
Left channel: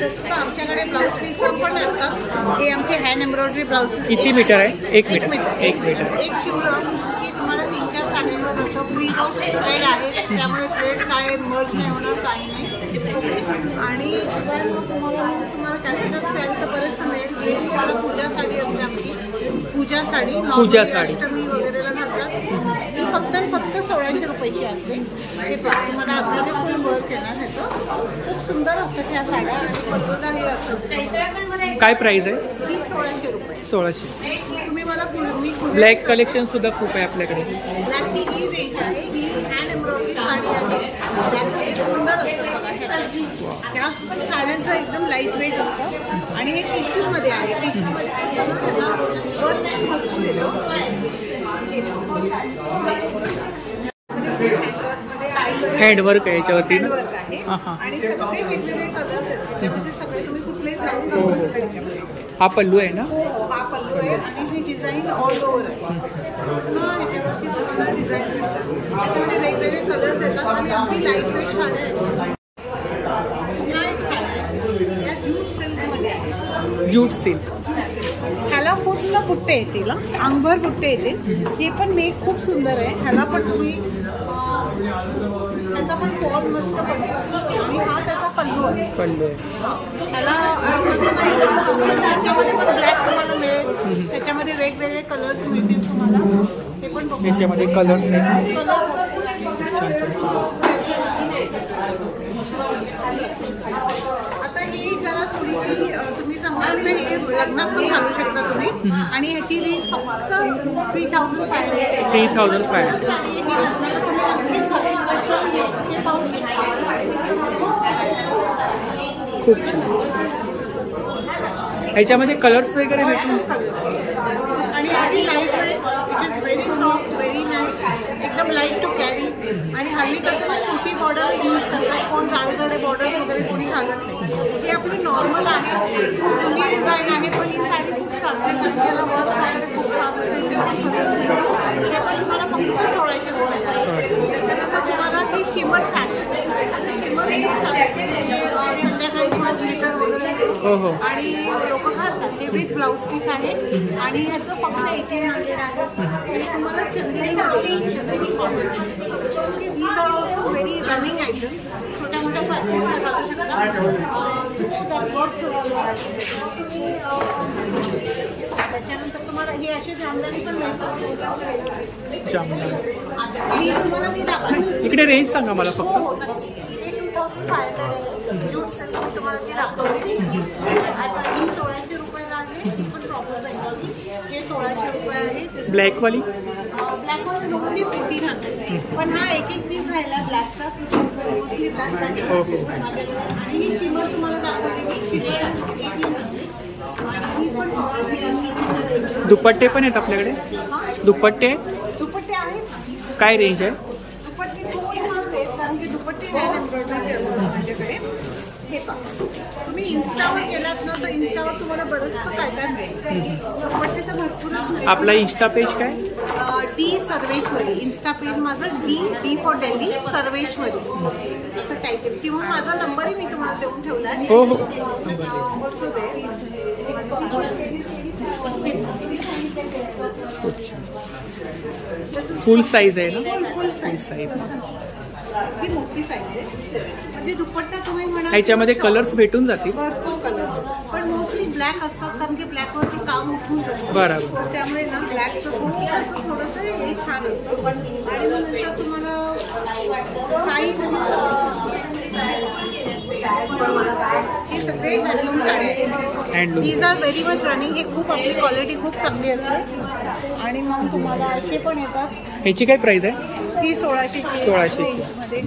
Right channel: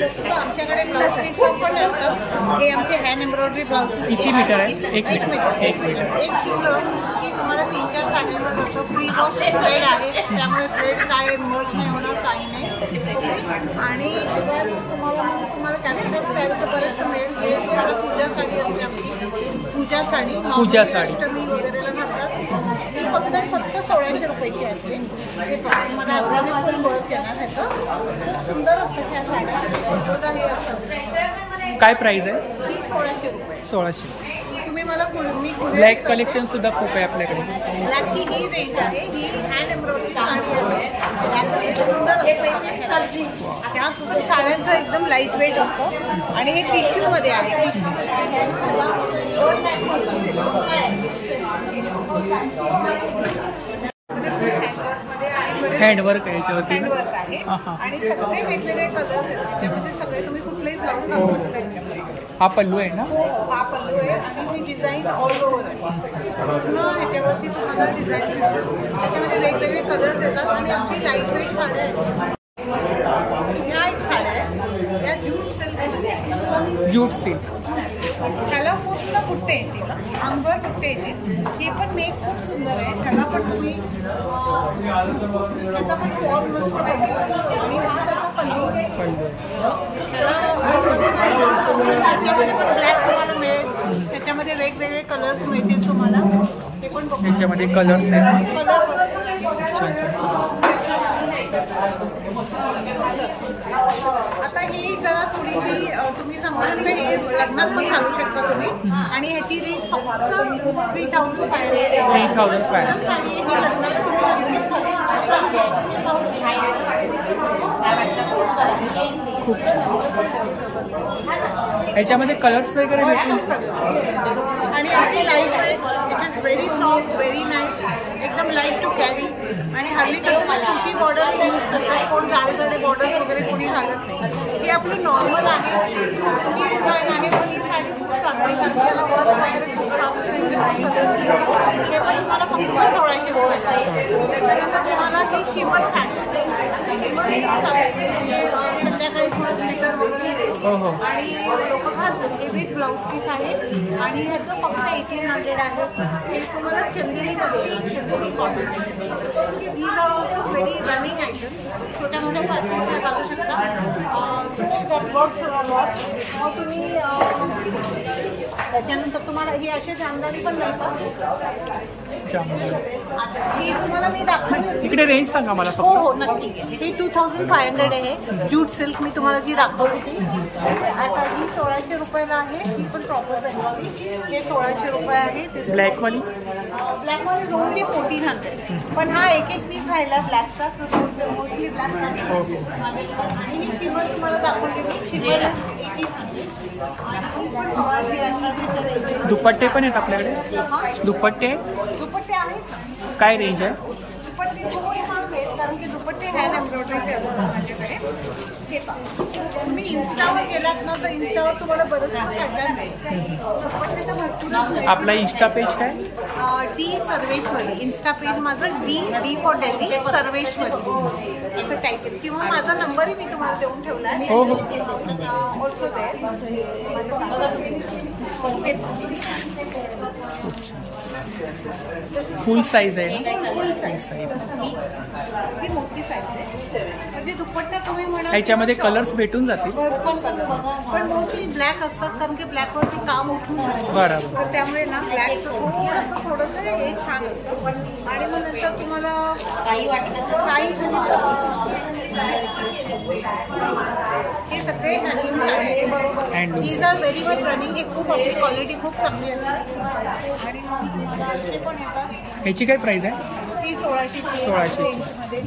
तसं तर आमच्याकडे ब्लाऊज पीस पण असतात. हे आमचे हँड एम्ब्रॉयडरी ब्लाऊज पीस. किती मीटर आहे? 1 मीटर. एक शिवलं की तुम्हाला 3-4 साड्यांवर जातं. प्री वॉश थ्रेड आहे, त्यामुळे थ्रेड काय मर्ज नाही होणार, काही नाही. ओके. आणि शिवाय मग तुम्हाला कॅलकटा स्टाईलचं बरेचसं मिळेल. हे तुम्हाला पूजा साडी असते आमची, पूजा साडी. अष्टमी वगैरेला घालतात. ही फक्त 1600 रुपयाची असते. हे पहा, तुम्हाला आतमध्ये फुल वर्क येणार. ह्याचं खूप सुंदर असतात ह्या साड्या. आणि पटोला हे असतं. काय प्राइस आहे? ही 1600 रुपये. 1600. तुम्ही मला मी ब्लॅक कलेक्शन सुद्धा खूप आहे आपल्याकडे. ब्लॅकची ही रेंज आहे. ही हँड एम्ब्रॉयडरी साडी आहे. ब्लॅकमध्ये सुंदर असतं बघा. ह्या साड्यांचं एकदम लाईट वेट असतं आणि हे टिश्यूमध्ये आहे. टिश्यूमध्ये कसं ना त्याला वर्क भरपूर येतो. हँडवर्क आहे याच्यावरती. हँडवर्क आहे आणि सगळे वेगवेगळे कलर्स आहेत त्याच्यामध्ये. सगळे तुम्ही कुठलेही ब्लाऊज घालू शकता याच्यामध्ये. हा पल्लू आहे ना? हो हो, हा पल्लू आहे आणि ही डिझाईन ऑल ओव्हर आहे. पूर्ण ह्याच्यावरती तुम्हाला डिझाईन मिळतात. त्याच्यामध्ये वेगवेगळे कलर्स येतात आणि अगदी लाईट वेट साड्या आहेत. ह्या एक साड्या आहेत, या ज्यूट सिल्कमध्ये आहे. Jute silk. ह्याला पूर्ण बुट्टे येतील, अंगभर बुट्टे येतील. हे पण मेक खूप सुंदर आहे. ह्याला पण तुम्ही त्याचा पण फॉर्म मस्त पडतो आणि हा त्याचा पल्लू आहे. ह्याला त्याच्यामध्ये पण ब्लॅक तुम्हाला मिळेल. त्याच्यामध्ये वेगवेगळे कलर्स मिळतील तुम्हाला. ते पण त्याच्यामध्ये कलर्स आहेत. आता ही जरा थोडीशी तुम्ही सांगू शकता. हे लग्नात पण घालू शकता तुम्ही. आणि ह्याची रेंज फक्त 3500 आहे. 3500 साडी ही लग्नाला तुम्ही नक्कीच घालू शकता. हे पाहू शकता. खूप छान. ह्याच्यामध्ये कलर्स वगैरे भेटून आणि अगदी light weight. It is very soft, very nice, एकदम लाईट टू कॅरी. आणि हल्ली कसं ना छोटी बॉर्डर यूज करतात. कोण जाडे बॉर्डर्स वगैरे कोणी घालत नाही. हे आपलं नॉर्मल आहे. खूप जुनी डिझाईन आहे पण ही साडी खूप चालते कारण की याला वर्क वगैरे खूप छान असतं. याच्यात पण कलर मिळते. हे पण तुम्हाला फक्त 1600 रुपयाला आहे. त्याच्यानंतर तुम्हाला ही शिमर साडी आहे. आता शिमर खूप चालते म्हणजे संध्याकाळी थोडं ग्लिटर वगैरे येतं आणि लोक घालतात. हे विथ ब्लाऊज पीस आहे आणि ह्याचं फक्त 1800 आहे. हे तुम्हाला चंदेरीमध्ये येईल, Chanderi cotton. Okay. These are also very running items. छोट्या मोठ्या पार्टीजला घालू शकता. सो दॅट वर्क्स तुम्ही. त्याच्यानंतर तुम्हाला ही अशी जामदानी पण मिळतात. ही तुम्हाला मी दाखवली. इकडे रेंज सांगा मला फक्त. हो नक्की. ही 2500 आहे. ज्यूट सिल्क मी तुम्हाला जी दाखवली. आता ही 1600 रुपयाला आहे. ही पण प्रॉपर बेंगॉली. हे 1600 रुपये आहे. ब्लॅकवाली ब्लॅकवाली दोन ते 1400. पण हा एक पीस राहिला ब्लॅकचा. मोस्टली ब्लॅक राहतो माझ्याकडे. आणि ही शिमर तुम्हाला दाखवली. शिमर 1800 आणि ही पण 1600-1800च्या रेंज. दुपट्टे पण आहेत आपल्याकडे. दुपट्टे आहेत ना. काय रेंज आहे? दुपट्टे थोडे महाग आहेत कारण की दुपट्टे हँड एम्ब्रॉयडरीचे असतात माझ्याकडे. हे पहा, तुम्ही इन्स्टावर गेलात ना तर इन्स्टावर तुम्हाला बरंचसं काय काय मिळेल. दुपट्टे तर भरपूरच मिळेल. आपला इन्स्टा पेज काय? डी सर्वेश्वरी. इन्स्टा पेज माझं डी फॉर दिल्ली सर्वेश्वरी. असं टायटल किंवा माझा नंबरही मी तुम्हाला देऊन ठेवला आहे. हो हो ऑल्सो देअर माझं खूप छान. फुल साईज आहे ना? फुल साईज साईज ती मोठी साईज आहे. म्हणजे दुपट्टा तुम्ही म्हणा ह्याच्यामध्ये कलर्स भेटून जातील. भरपूर कलर पण मोस्टली ब्लॅक असतात कारण की ब्लॅक वरती काम उठून असतं. बरोबर. तर त्यामुळे ना ब्लॅकचं थोडंसं हे छान असतं. आणि मग नंतर तुम्हाला काही हे सगळे handloom handloom these are very much running. हे खूप आपली क्वालिटी खूप चांगली असते. आणि मग तुम्हाला असे पण येतात. ह्याची काय प्राइस आहे? ती 1600 मध्ये.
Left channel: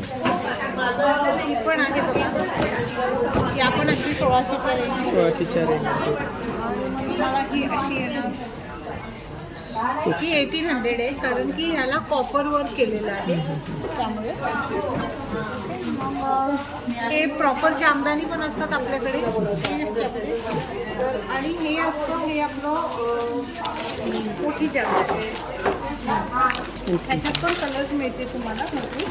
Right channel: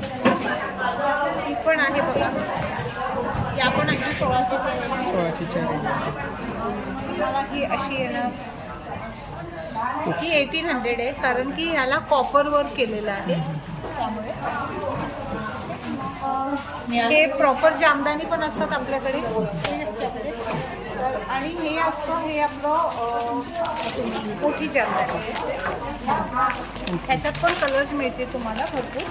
ही पण आहे बघा. या पण अगदी 1600च्या रेंज. 1600च्या रेंज. आणि मग तुम्हाला ही अशी येणार. ही 1800 आहे कारण की ह्याला कॉपर वर्क केलेलं आहे त्यामुळे. हे प्रॉपर जामदानी पण असतात आपल्याकडे ह्याच्यामध्ये. तर आणि हे असतं हे आपलं मोठी जामदानी. ह्याच्यात पण कलर्स मिळते तुम्हाला भरपूर.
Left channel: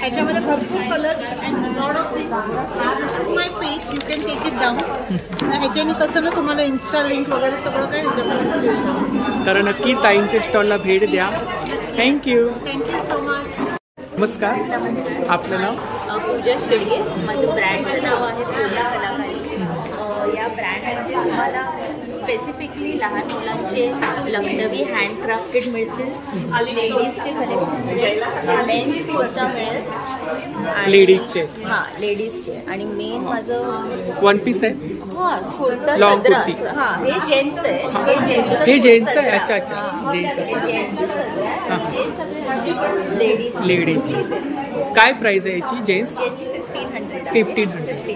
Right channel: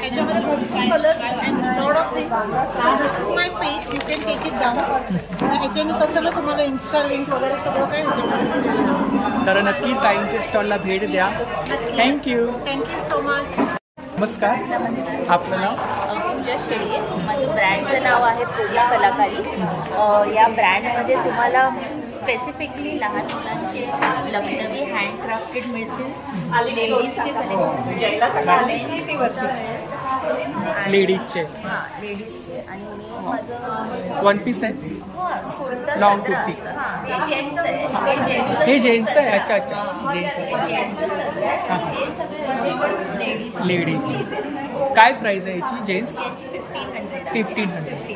ह्याच्यामध्ये भरपूर colours and lot of things. So this is my page. You can take it down. ह्याच्याने कसं ना तुम्हाला इन्स्टा लिंक वगैरे सगळं काही ह्याच्यामध्ये दिलेलं आहे. तर नक्की ताईंच्या स्टॉलला भेट द्या. थँक्यू. Thank you so much. नमस्कार. आपलं नाव? पूजा शेडगे. माझं ब्रँडचं नाव आहे पूजा कलाकारी. या ब्रँडमध्ये तुम्हाला स्पेसिफिकली लहान मुलांचे लखनवी हँडक्राफ्टेड मिळतील. लेडीजचे कलेक्शन, मेन्स कुर्ता मिळेल. लेडीजचे? हां लेडीजचे. आणि मेन माझं वन पीस आहे. कुर्ता लॉंग कुर्ती. हां हे जेंट्स आहे. हे जेंट्स आहे. अच्छा अच्छा जेंट्स लेडीज. लेडीजचे काय प्राइस आहे याची? जेंट्स 1500.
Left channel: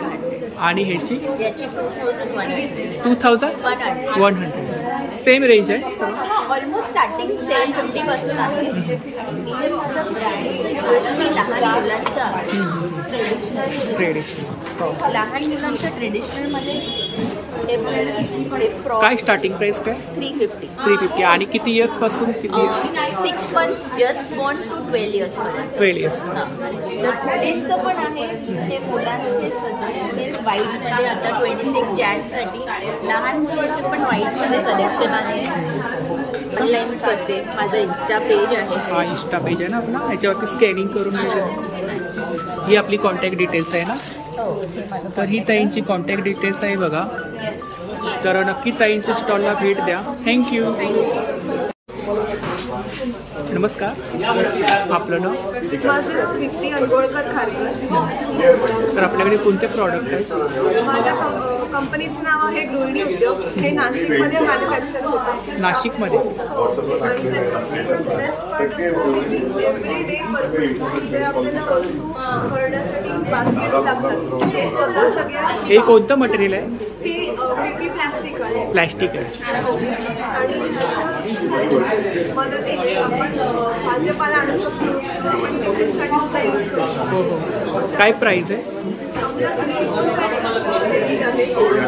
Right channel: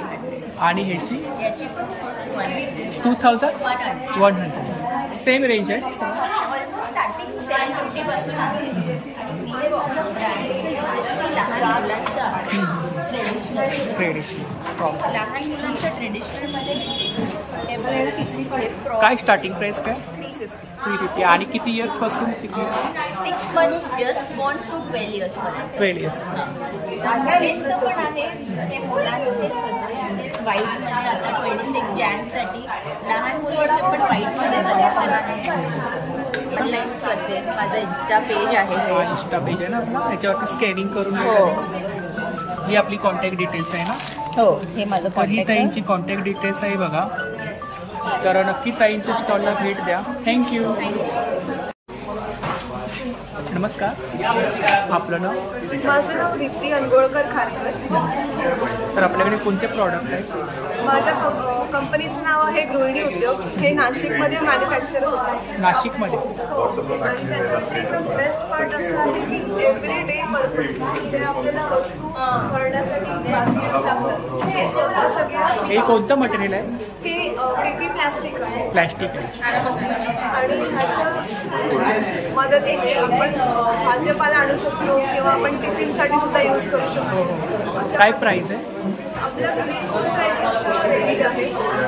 आणि ह्याची 2100. सेम रेंज आहे सर्व. ऑलमोस्ट स्टार्टिंग 750 पासून आहे. आणि माझं ब्रँड लहान मुलांचं ट्रेडिशनल. लहान मुलांच्या ट्रेडिशनल मध्ये काय स्टार्टिंग प्राइस काय? 350. आणि किती इयर्स पासून? किती years? 6 months just born to 12 years पर्यंत. 12 years. तर मुलींचं पण आहे. हे मुलांचे सगळे आहेत व्हाईट मध्ये. आता 26 जानेवारीसाठी लहान मुलींचे पण व्हाईट मध्ये कलेक्शन आहे. ऑनलाईन करते. माझं इन्स्टा पेज आहे. हा इन्स्टा पेज आहे ना आपला. ह्याच्यावरती स्कॅनिंग करून ही आपली कॉन्टॅक्ट डिटेल्स आहे ना? हो हे माझं. तर ही ताईंची कॉन्टॅक्ट डिटेल्स आहे बघा. तर नक्की ताईंच्या स्टॉलला भेट द्या. थँक्यू. नमस्कार. आपलं नाव? माझं नाव दीप्ती अंगोळकर खारकर. तर आपल्याकडे कोणते प्रॉडक्ट आहेत? माझ्या कंपनीचं नाव आहे गृहिणी उद्योग. हे नाशिकमध्ये मॅन्युफॅक्चर होतं. नाशिकमध्ये? हो. आणि त्याच्यात बेस्ट पार्ट असं आहे की एव्हरी डे पर्पज जे आपल्याला वस्तू भरण्यासाठी बास्केट्स लागतात ते स्वतः सगळ्या. हे कोणतं मटेरियल आहे? हे पीपी प्लास्टिक आहे. प्लास्टिक आहे. आणि ह्याच्या मदतीने आपण भाजीपाला आणू शकतो किंवा आपण टिफिनसाठी सुद्धा यूज करू शकतो. काय प्राइस आहे? आपल्याकडे 2 प्राइस रेंज आहे.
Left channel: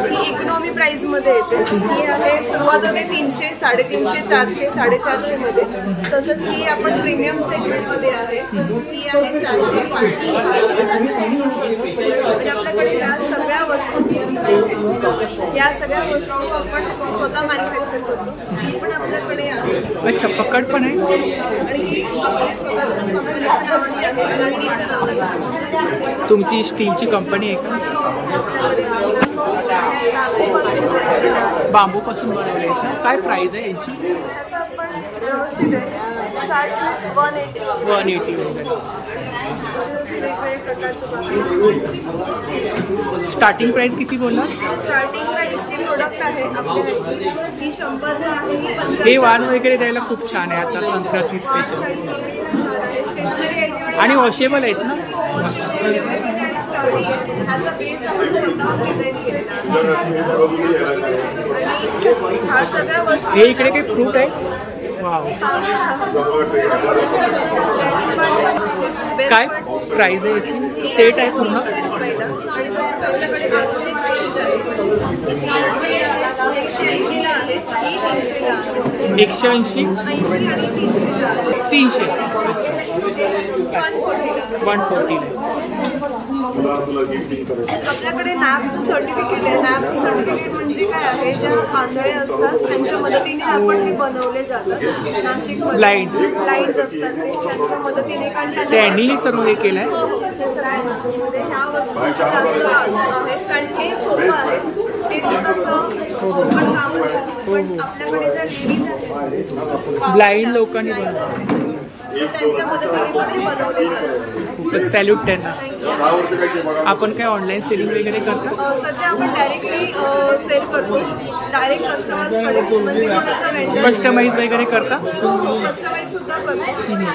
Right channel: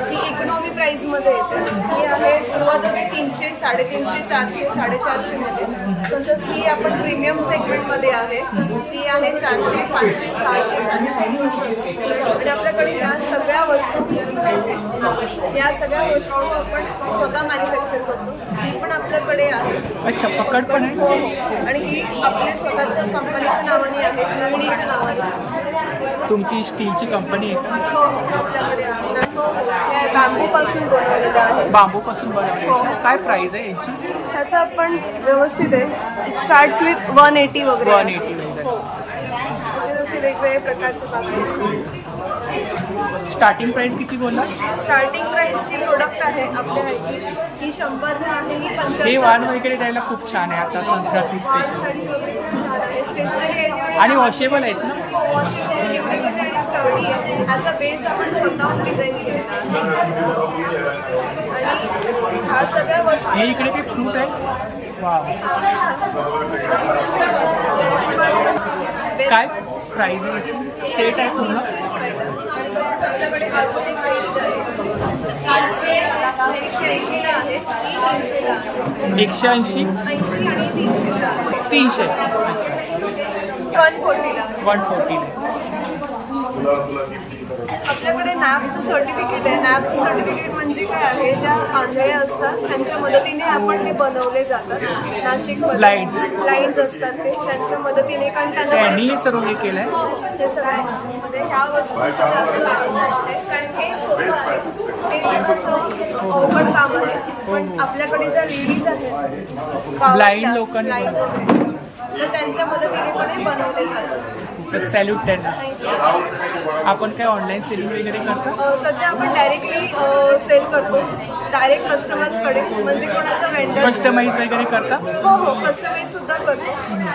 ही इकॉनॉमी प्राइस मध्ये येते. ही आहे सुरुवात होते 300, 350, 400, 450 मध्ये. तसंच ही आपण प्रीमियम सेगमेंट मध्ये आहे. ती आहे 400, 500, 600, 700 असं. आणि आपल्याकडे ह्या सगळ्या वस्तू आपण स्वतः मॅन्युफॅक्चर करतो. ही पण आपल्याकडे आहे. अच्छा पकड पण आहे. हो. आणि ही आपल्या स्वतःच्या कंपनीच्या नावाने आहे. गृहिणीच्या नावाने. तुमची स्टीलची कंपनी आहे का? हो आपल्याकडे आहे. बांबूपासून बनवलेलं आहे. बांबूपासून बनवले आहेत ना? काय प्राइस आहे यांची? त्याचा आपण व्यवस्थित आहे. स्टार्ट विथ 180 वगैरे. 180 वगैरे. वेगवेगळ्या प्रकारचे बास्केट. स्टार्टिंग प्राइस किती बोलला? स्टार्टिंग प्राइसची प्रोडक्ट आहे आपल्या ह्याची. ही 100ला आहे. ही 75. हे वाण वगैरे द्यायला खूप छान आहे आता संक्रांती स्पेशल. खूप छान आहे. स्टेशनरी आयटम आणि वॉशेबल आहेत ना? हो वॉशेबल, ड्युरेबल आणि स्टर्डी आहे. ह्याचा बेस आपण स्वतःहून डिझाईन केलेला आहे. आणि ह्या सगळ्या वस्तू. हे इकडे काही फ्रूट आहे? वाव. काय प्राइस आहे याची? सेट आहे पूर्ण? आणि तसंच आपल्याकडे अजून एक रेंज आहे, 180 ला आहे, ही 300 ला आहे. 180, 80 आणि 300 ला आहे. 300. 140 ला. आपल्याकडे नॅबचं सर्टिफिकेट आहे. नॅबचं सर्टिफिकेट म्हणजे काय आहे, ज्या आंधळे असतात त्यांच्या मदतीने आपण हे बनवले जातात. नाशिकमध्ये ब्लाइंड असतात ते, त्यांच्या मदतीने, कारण त्यांनी हे सर्व हे केलंय. हो हो, हे सगळ्या वस्तूंमध्ये ह्या वस्तूंची जास्त आहे, कारण हे सोपं आहे, हे थोडंसं अवघड काम आहे. पण आपल्याकडे ज्या लेडीज आहेत ब्लाइंड लोकांनी बनवलं, तर त्यांच्या मदतीने पण हे बनवले जातात. खूपच सॅल्यूट त्यांना. आपण काय ऑनलाईन सेलिंग वगैरे करता? सध्या आपण डायरेक्टली सेल करतो, डायरेक्ट कस्टमर्सकडे, म्हणजे कोणाचा वेंडर. कस्टमाइज वगैरे करता? हो हो, कस्टमाइज सुद्धा करतो.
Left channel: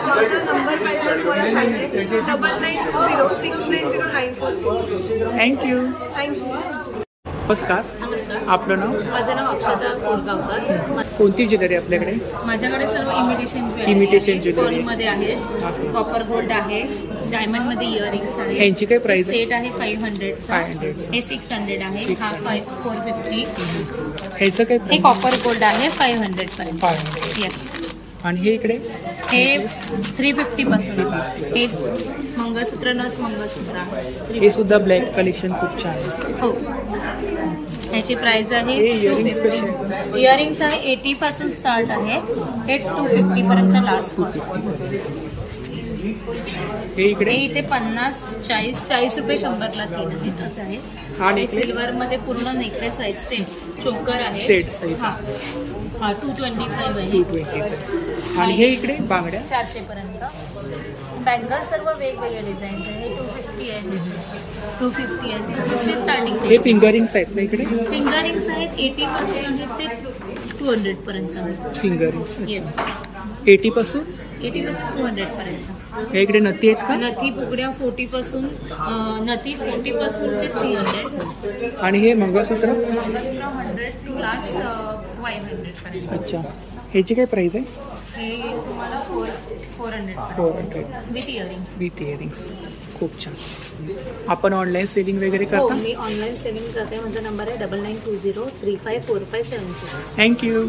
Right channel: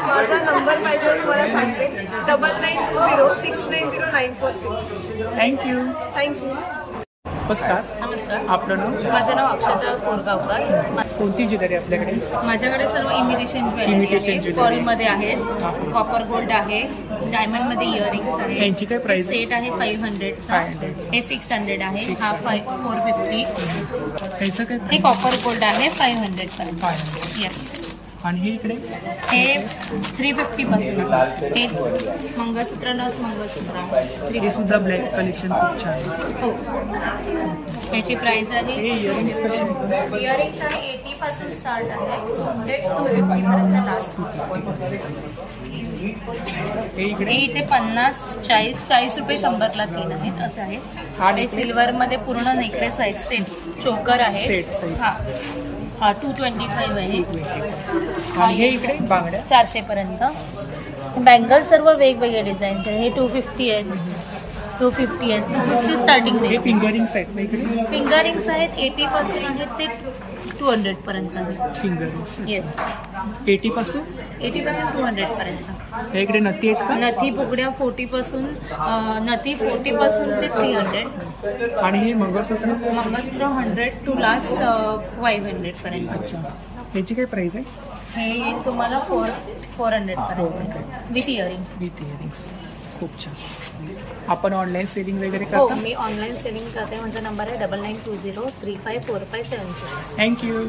माझा नंबर पाहिजे तुम्हाला सांगते, 9920690946. थँक्यू. थँक्यू. नमस्कार. नमस्कार. आपलं नाव? माझं नाव अक्षता कोरगावकर. कोणती ज्वेलरी आपल्याकडे? माझ्याकडे सर्व इमिटेशन ज्वेलरी मध्ये आहेत. कॉपर गोल्ड आहे, डायमंड मध्ये इयरिंग्स आहे. यांची काय प्राइस? सेट आहे 500. हे 600 आहे, हा 450. ह्याचं काय? हे कॉपर गोल्ड आहे 500 पर्यंत. येस. आणि हे इकडे हे 350 पासून आहे. हे मंगळसूत्र नथ मंगळसूत्र आहे. हे सुद्धा ब्लॅक कलेक्शन खूप छान. हो, याची प्राइस आहे. हे इयरिंग्स कसे आहेत? इयरिंग्स आहे 80 पासून स्टार्ट आहे, हे 250 पर्यंत लास्ट. हे इकडे इथे 50, 40 रुपये 100 ला 3 आहेत असे आहेत. हा सिल्वर मध्ये पूर्ण नेकलेस आहेत, सेट चोकर आहे. सेट सहित. हा 225 आहे. 225. आणि हे इकडे बांगड्या 400 पर्यंत. बँगल सर्व वेगवेगळे डिझाईन्स आहेत. हे 250 आहेत, 250 आहेत, 250 स्टार्टिंग. हे फिंगरिंग्स आहेत ना इकडे? फिंगरिंग्स आहेत 80 पासून आहेत ते 200 पर्यंत आहेत. Fingerings yes. 80 पासून 200 पर्यंत. हे इकडे नथी आहेत का? नथी फुगड्या 40 पासून, नथी 40 पासून ते 300. आणि हे मंगळसूत्र? मंगळसूत्र 100 टू लास्ट 500 पर्यंत. अच्छा. ह्याची काय प्राइस आहे? हे तुम्हाला 400 विथ इयरिंग्स. खूप छान. आपण ऑनलाईन सेलिंग वगैरे हो, करता? मी ऑनलाईन सेलिंग करते. माझा नंबर आहे 9920354576. थँक्यू.